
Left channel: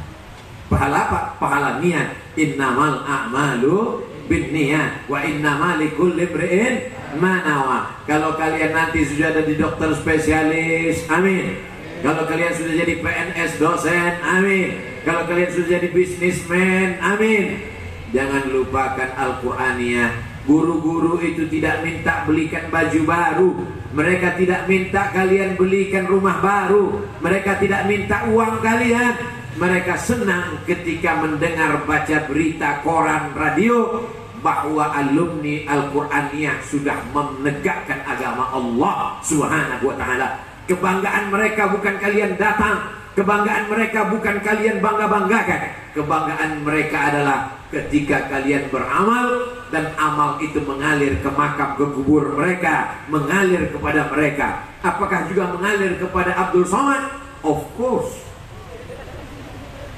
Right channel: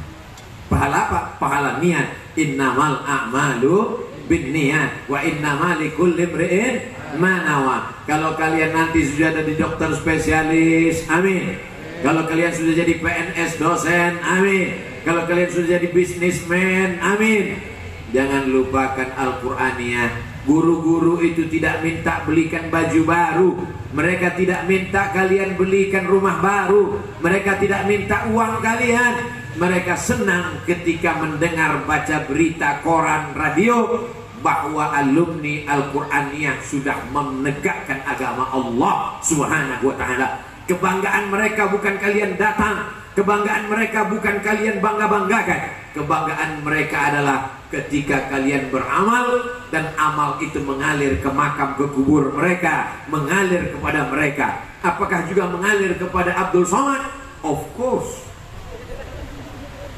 Pahala apa? Pahala niat. Innamal a'malu binniyat wa innamal likulli imri'in ma nawa. Kalau kalian nanti sudah ada di dokter spesialis, amin. Kalau kalian sudah jadi PNS dosen, amin. Kalau kalian sudah jadi bisnismen, amin. Jangan lupakan Al-Quraniyah. Guru-guru itu tidak minta belikan baju baru, mereka tidak minta kalian belikan rumah baru, mereka tidak minta uang kalian. Mereka senang ketika mendengar baca berita koran, radio bahwa alumni Al-Quraniyah sudah menegakkan agama Allah Subhanahu wa ta'ala. Kebanggaan mereka bukan kalian datang, kebanggaan mereka bukan kalian bangga-banggakan. Kebanggaan mereka adalah ketika kalian beramal dan amal itu mengalir ke makam, ke kubur mereka, mengalir kepada mereka. Apakah juga mengalir kepada Abdul Somad? Of course.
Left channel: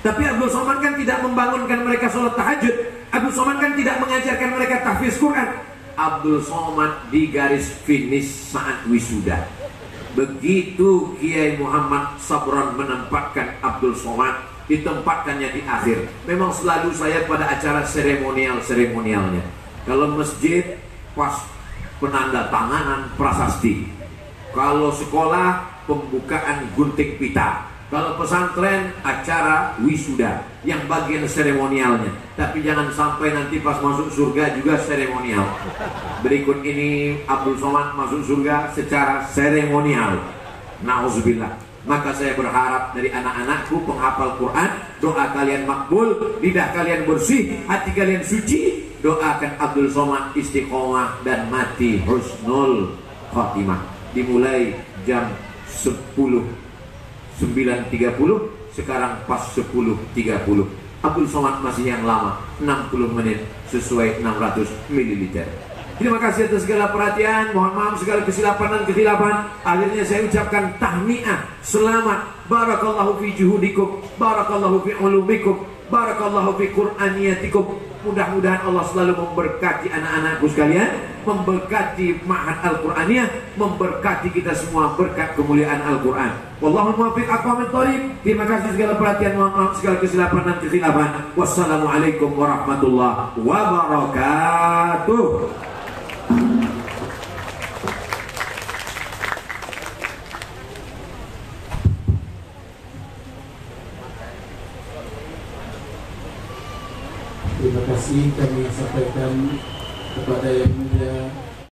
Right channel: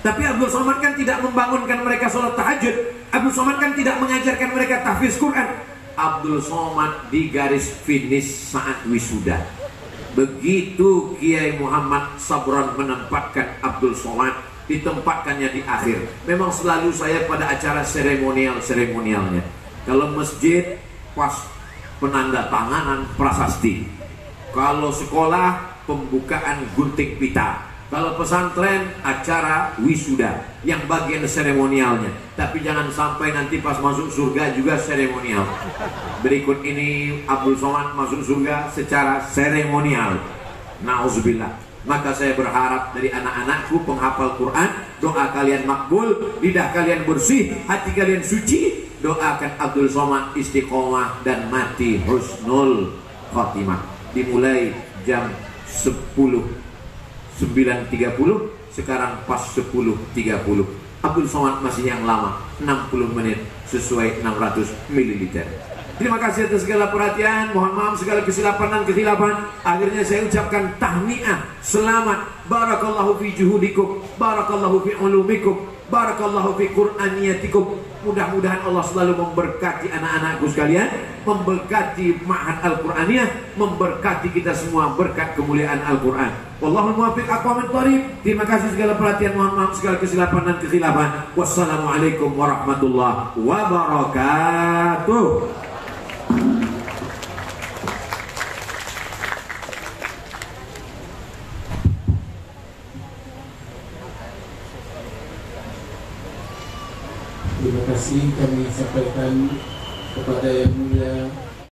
Tapi Abdul Somad kan tidak membangunkan mereka sholat tahajud. Abdul Somad kan tidak mengajarkan mereka tahfiz Quran. Abdul Somad di garis finish saat wisuda. Begitu Kiai Muhammad Sabran menempatkan Abdul Somad, ditempatkannya di akhir. Memang selalu saya pada acara seremonialnya. Kalau masjid pas penanda tanganan prasasti. Kalau sekolah pembukaan gunting pita. Kalau pesantren acara wisuda yang bagian seremonialnya. Tapi jangan sampai nanti pas masuk surga juga seremonial. Berikut ini Abdul Somad masuk surga secara seremonial. Nauzubillah. Maka saya berharap dari anak-anakku penghafal Quran, doa kalian makbul, lidah kalian bersih, hati kalian suci. Doakan Abdul Somad istiqomah dan mati husnul khatimah. Dimulai jam 9.30, sekarang pas 10.30. Abdul Somad masih yang lama, 60 menit sesuai 600 ml. Terima kasih atas segala perhatian. Mohon maaf segala kesilapan dan ketilapan. Akhirnya saya ucapkan tahniah, selamat, barakallahu fi juhudikum, barakallahu fi ulumikum, barakallahu fi qur'aniyatikum. Mudah-mudahan Allah selalu memberkati anak-anakku sekalian, memberkati Ma'had Al-Qur'aniyah, memberkati kita semua berkat kemuliaan Al-Qur'an. Wallahu muwaffiq aqwamit thoriq. Terima kasih segala perhatian, mohon maaf segala kesilapan dan ketilapan. Wassalamualaikum warahmatullahi wabarakatuh. Terima kasih kami sampaikan kepada Yang Mulia